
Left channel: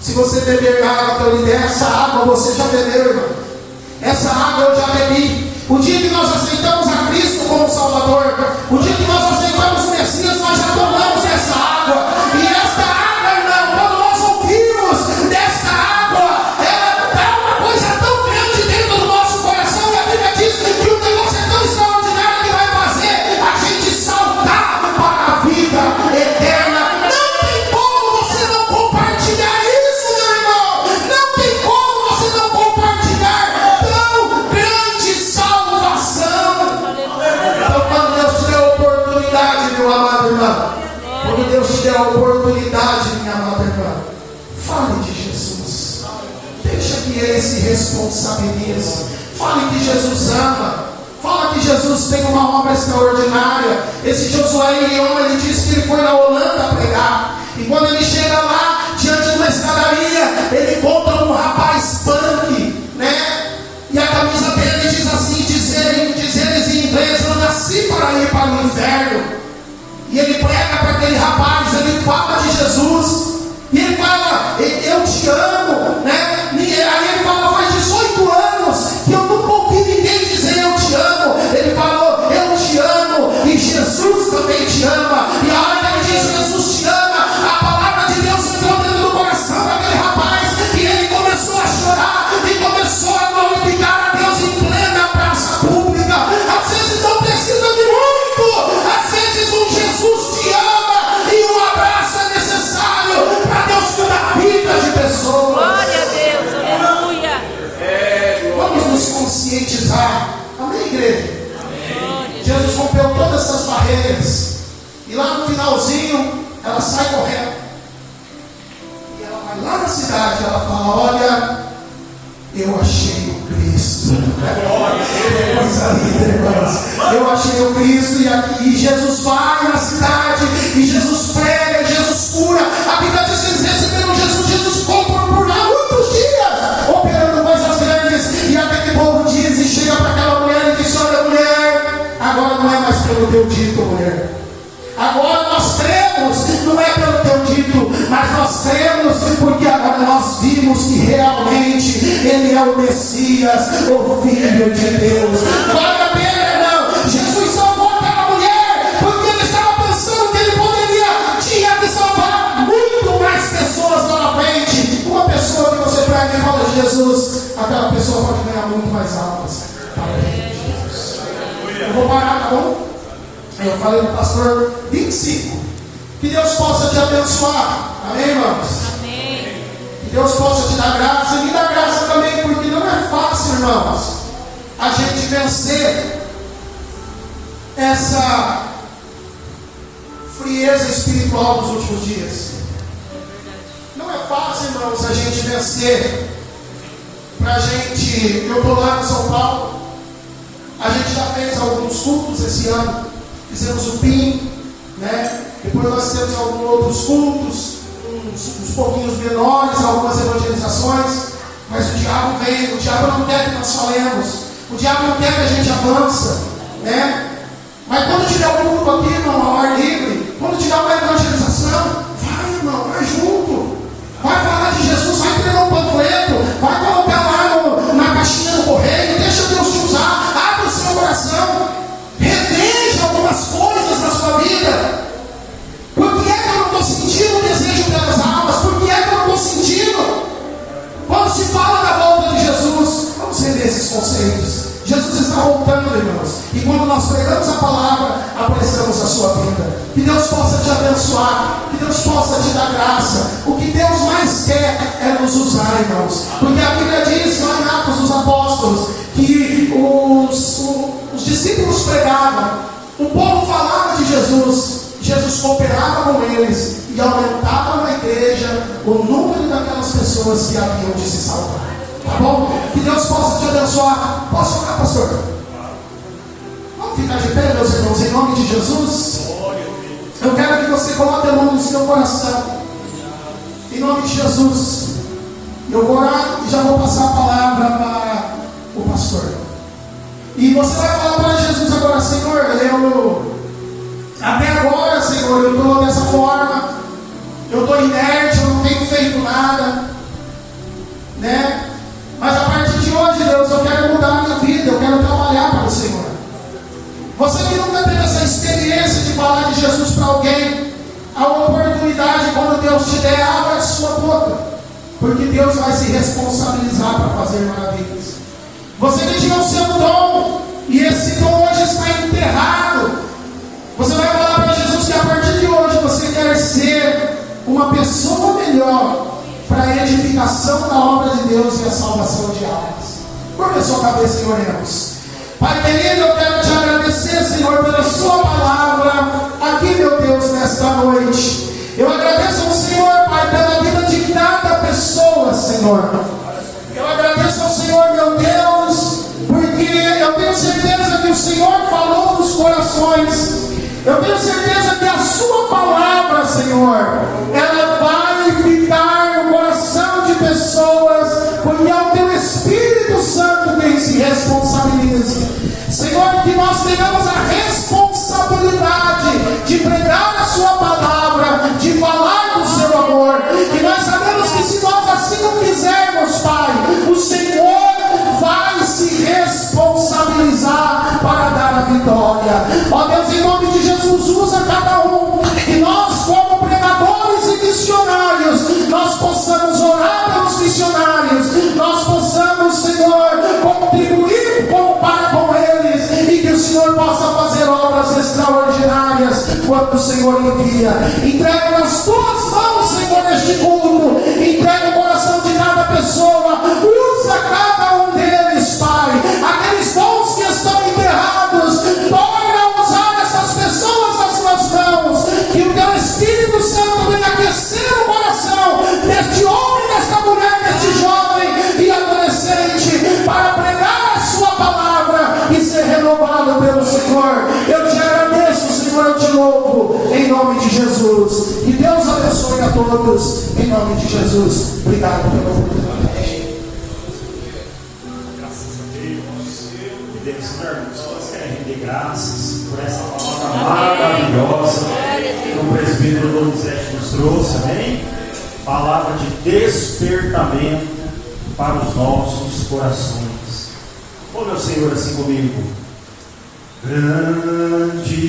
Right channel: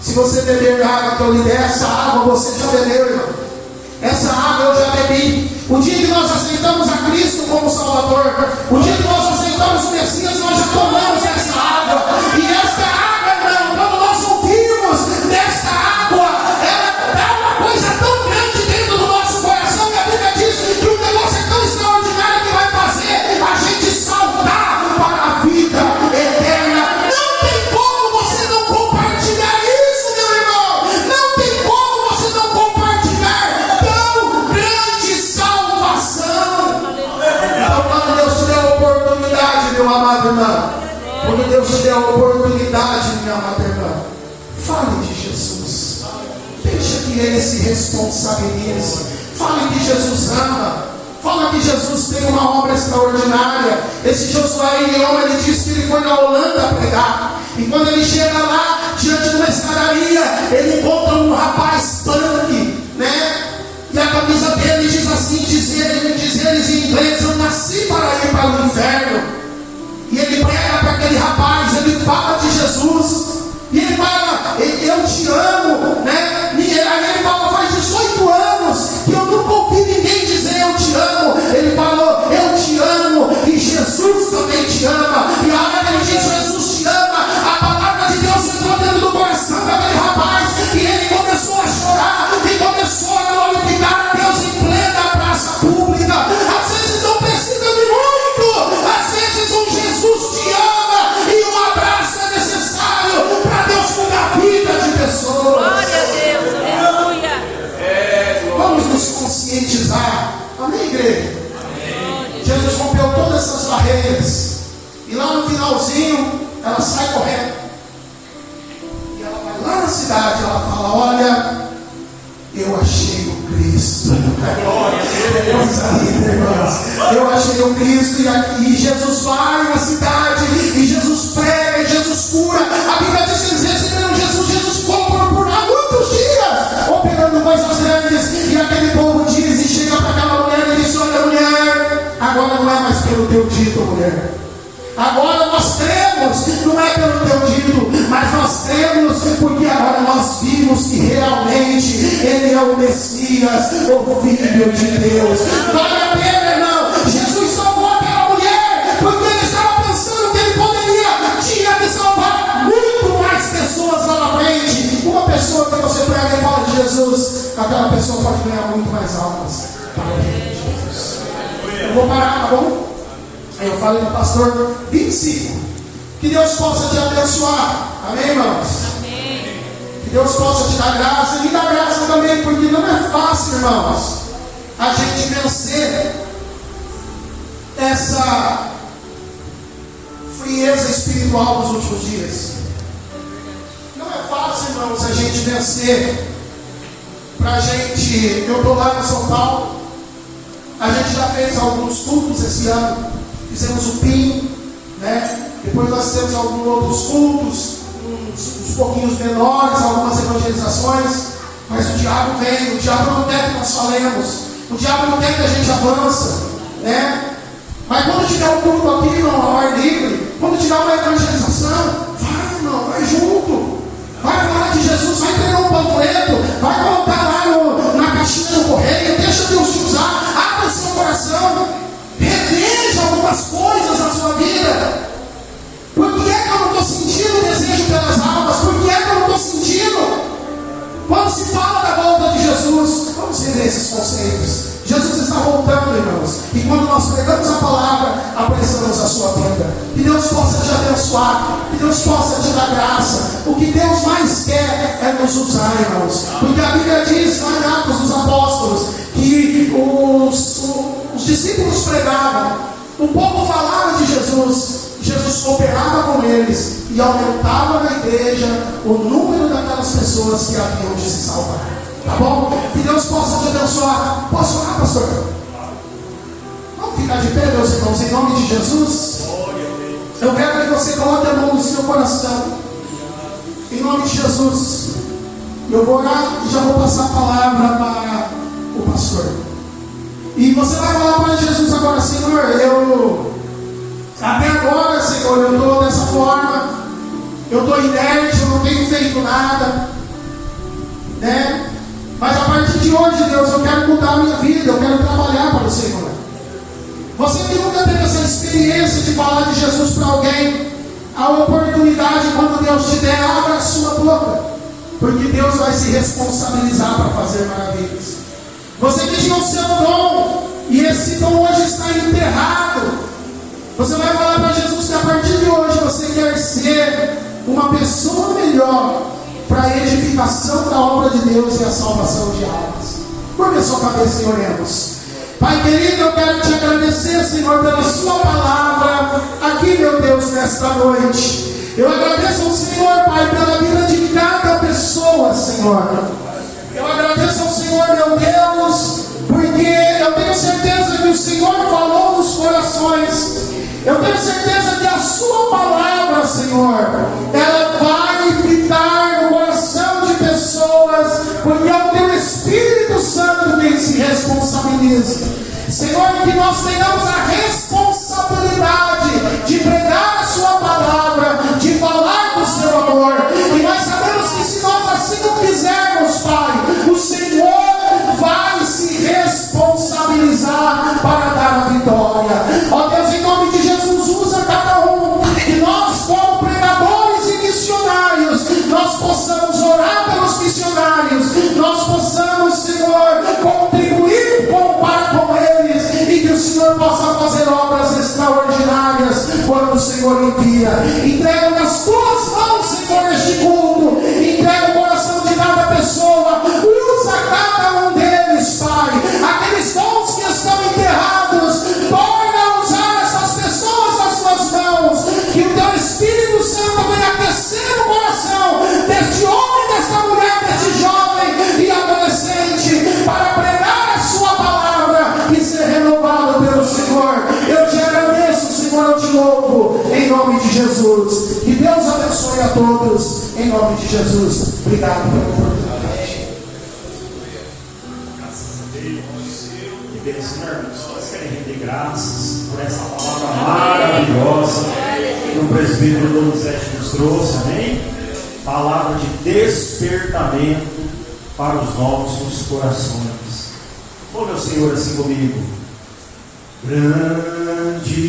se você beber da água que eu lhe der, essa água você já bebeu, irmão. Essa água eu já bebi. O dia que nós aceitamos a Cristo como Salvador, o dia que nós aceitamos o Messias, nós já tomamos essa água. E essa água, irmão, quando nós ouvimos dessa água, ela dá uma coisa tão grande dentro do nosso coração, que a Bíblia diz que o negócio é tão extraordinário que vai que ele se responsabilize. Fale que Jesus ama. Fala que Jesus tem uma obra extraordinária. Esse Josué Irion, ele disse que ele foi na Holanda pregar. E quando ele chega lá, diante de uma escadaria, ele encontra um rapaz punk, né? E a camisa dele diz assim, diz eles em inglês: eu nasci para ir para o inferno. E ele prega para aquele rapaz, ele fala de Jesus. E ele fala: eu te amo, né? Aí ele fala: faz 18 anos que eu nunca ouvi ninguém dizer eu te amo. Ele falou: eu te amo e Jesus também te ama. E a hora que ele diz Jesus te ama, a palavra de Deus entrou dentro do coração daquele rapaz, e ele começou a chorar e começou a glorificar a Deus em plena praça pública. Às vezes não precisa de muito, às vezes um Jesus te ama e um abraço é necessário para Deus mudar a vida de pessoas. Glória a Deus, aleluia. Vamos nos conscientizar. Amém, igreja? Jesus rompeu todas essas barreiras. E lá no finalzinho, ela sai correndo. E ela vai lá na cidade. Ela fala: olha, eu achei o Cristo. Coisa linda, irmãos. Eu achei o Cristo. E Jesus vai na cidade. E Jesus prega. E Jesus cura. A Bíblia diz que eles receberam Jesus. Jesus ficou por lá muitos dias, operando coisas grandes. E aquele povo diz, e chega para aquela mulher e diz: olha, mulher, agora não é mais pelo teu dito, mulher. Agora nós cremos, não é pelo teu dito, mas nós cremos porque agora nós vimos que realmente Ele é o Messias, o Filho de Deus. Vale a pena, irmão. Jesus salvou aquela mulher porque ele estava pensando que ele tinha que salvar muito mais pessoas lá na frente. Uma pessoa que você prega e fala de Jesus, aquela pessoa pode ganhar muito mais almas para o reino de Jesus. Eu vou parar, tá bom? Aí eu falei do pastor 25. Que Deus possa te abençoar. Amém, irmãos? Amém. Que Deus possa te dar graça. E me dar graça também, porque não é fácil, irmãos, a gente vencer essa frieza espiritual dos últimos dias. Não é fácil, irmãos, a gente vencer. Pra gente, eu estou lá em São Paulo. A gente já fez alguns cultos esse ano. Fizemos o PIN, né? Depois nós temos alguns outros cultos, uns pouquinhos menores, algumas evangelizações. Mas o diabo vem, o diabo não quer que nós falemos, o diabo não quer que a gente avance, né? Mas quando tiver um culto aqui, irmão, ao ar livre, quando tiver uma evangelização, vai, irmão, vai junto, vai falar de Jesus, vai entregar um panfleto, vai colocar lá na caixinha do correio, deixa Deus te usar, abre o seu coração, reveja algumas coisas na sua vida. Por que é que eu não estou sentindo o desejo pelas almas? Por que é que eu não estou sentindo? Quando se fala da volta de Jesus, vamos rever esses conceitos. Jesus está voltando, irmãos. E quando nós pregamos a palavra, apressamos a sua vida. Que Deus possa te abençoar. Que Deus possa te dar graça. O que Deus mais quer é nos usar, irmãos. Porque a Bíblia diz lá em Atos dos Apóstolos que os discípulos pregavam, o povo falava de Jesus, Jesus cooperava com eles e aumentava na igreja o número daquelas pessoas que haviam de se salvar. Tá bom? Que Deus possa te abençoar. Posso orar, pastor? Vamos ficar de pé, meus irmãos, em nome de Jesus. Eu quero que você coloque a mão no seu coração, em nome de Jesus. Eu vou orar e já vou passar a palavra para o pastor. E você vai falar para Jesus agora: Senhor, até agora, Senhor, eu estou dessa forma, eu estou inerte, eu não tenho feito nada, né? Mas a partir de hoje, Deus, eu quero mudar a minha vida, eu quero trabalhar para o Senhor. Você que nunca teve essa experiência de falar de Jesus para alguém, a oportunidade, quando Deus te der, abra a sua boca, porque Deus vai se responsabilizar para fazer maravilhas. Você que tinha o seu dom, e esse dom hoje está enterrado, você vai falar para Jesus que a partir de hoje você quer ser uma pessoa melhor para a edificação da obra de Deus e a salvação de almas. Curva a sua cabeça e oremos. Pai querido, eu quero te agradecer, Senhor, pela sua palavra aqui, meu Deus, nesta noite. Eu agradeço ao Senhor, Pai, pela vida de cada pessoa, Senhor. Eu agradeço corações. Eu tenho certeza que a sua palavra, Senhor, ela vai ficar no coração de pessoas, porque é o teu Espírito Santo quem se responsabiliza. Senhor, que nós tenhamos a responsabilidade de pregar a sua palavra, de falar do seu amor. E nós sabemos que se nós assim não fizermos, Pai, o Senhor vai se responsabilizar para dar a vitória. Ó Deus, em nome de Jesus, usa cada um, que nós como pregadores e missionários, nós possamos orar pelos missionários, nós possamos, Senhor, contribuir para com eles, e que o Senhor possa fazer obras extraordinárias quando o Senhor envia. Entrega nas tuas mãos, Senhor, este culto, entrega o coração de cada pessoa, usa cada um deles, Pai, aqueles dons que estão enterrados, torna a usar essas pessoas nas suas mãos, que o teu Espírito Santo venha aquecer o coração deste homem, desta mulher, deste jovem e adolescente, para pregar a sua palavra e ser renovado pelo Senhor. Eu te agradeço, Senhor, eu te louvo, em nome de Jesus. Que Deus abençoe a todos, em nome de Jesus. Obrigado pela oportunidade. Graças a Deus. Deus, irmãos, nós queremos render graças por essa palavra maravilhosa que o presbítero Donizete nos trouxe, amém? Palavra de despertamento para os nossos corações. Ô meu Senhor, assim comigo. Grande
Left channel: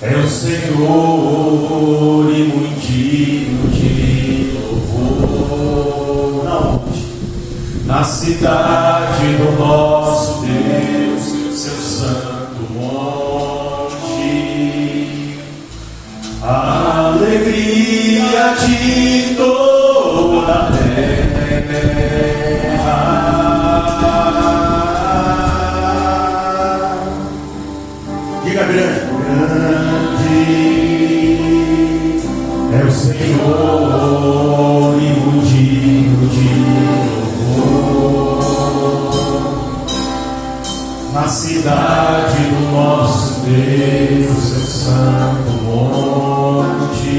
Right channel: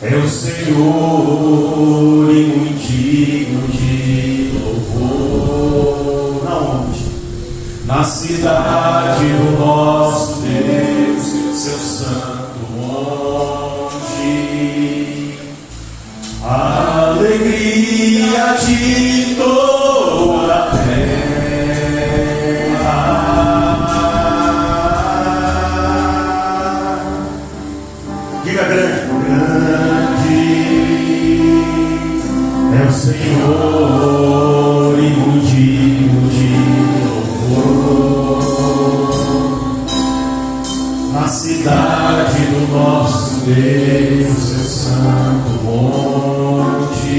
é o Senhor e muito digno de louvor. Na onde? Na cidade do nosso Deus, seu santo monte. A alegria de toda a terra. Diga grande, grande é o Senhor e muito digno de louvor. Na cidade do nosso Deus, seu santo monte.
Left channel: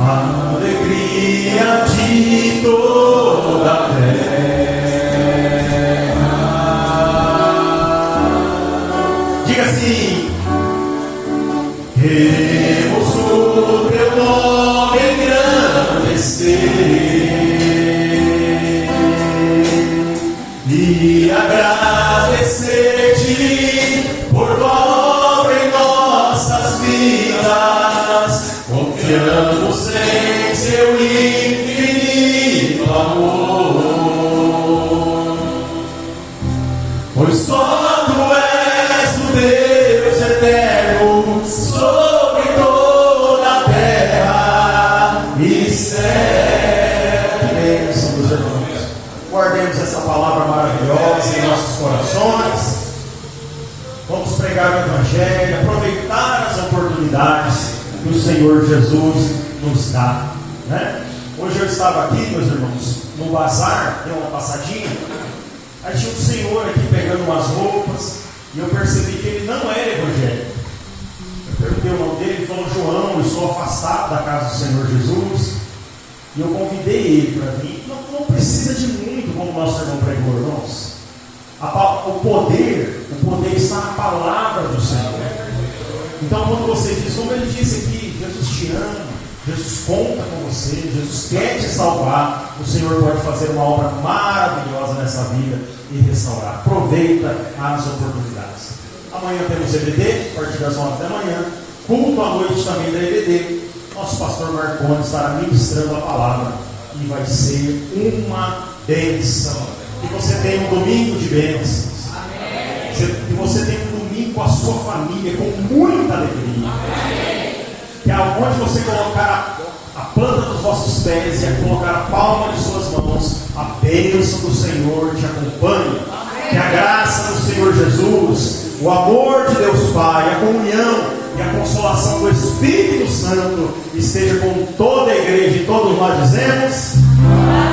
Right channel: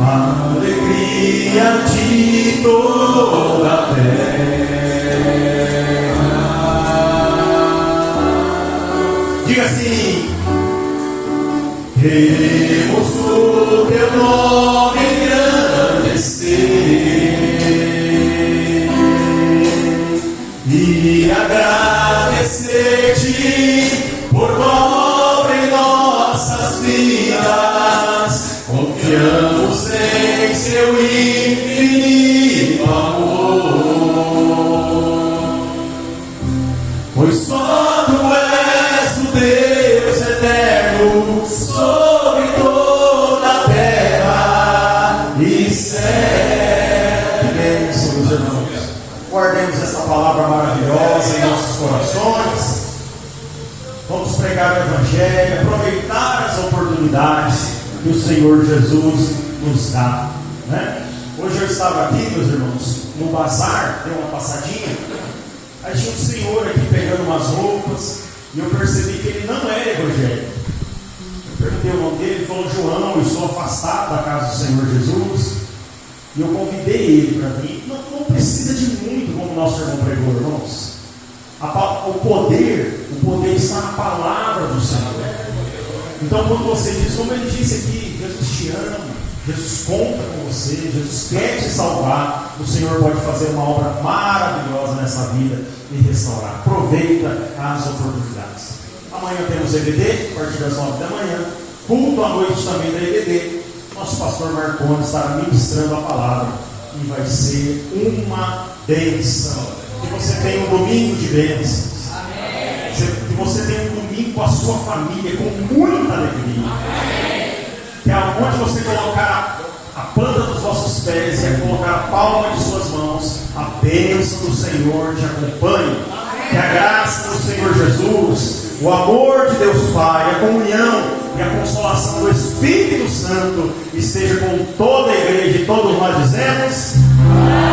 A alegria de toda a terra. Diga assim: queremos o teu nome engrandecer e agradecer-te por tua obra em nossas vidas. Confiamos em seu infinito amor, pois só tu és o Deus eterno sobre toda a terra e céu. Que bênção, meus irmãos. Guardemos essa palavra maravilhosa em nossos corações. Vamos pregar o Evangelho, aproveitar as oportunidades que o Senhor Jesus nos dá, né? Hoje eu estava aqui, meus irmãos, no bazar, dei uma passadinha. Aí tinha um senhor aqui pegando umas roupas e eu percebi que ele não era evangélico. Eu perguntei o nome dele, ele falou: João, eu estou afastado da casa do Senhor Jesus. E eu convidei ele para vir. Não precisa de muito, como nosso irmão pregou, irmãos. O poder está na palavra do Senhor. Então, quando você diz, como ele disse aqui, Jesus te ama, Jesus conta com você, Jesus quer te salvar, o Senhor pode fazer uma obra maravilhosa nessa vida e restaurar. Aproveita as oportunidades. Amanhã temos EBD, a partir das 9 da manhã. Culto à noite também da EBD. Nosso pastor Marconi estará ministrando a palavra e vai ser uma bênção. Que você tenha um domingo de bênçãos. Que você tenha um domingo com a sua família, com muita alegria. Que aonde você colocar a planta dos vossos pés e colocar a palma de suas mãos, a bênção do Senhor te acompanhe. Que a graça do Senhor Jesus, o amor de Deus Pai, a comunhão e a consolação do Espírito Santo esteja com toda a igreja e todos nós dizemos: amém.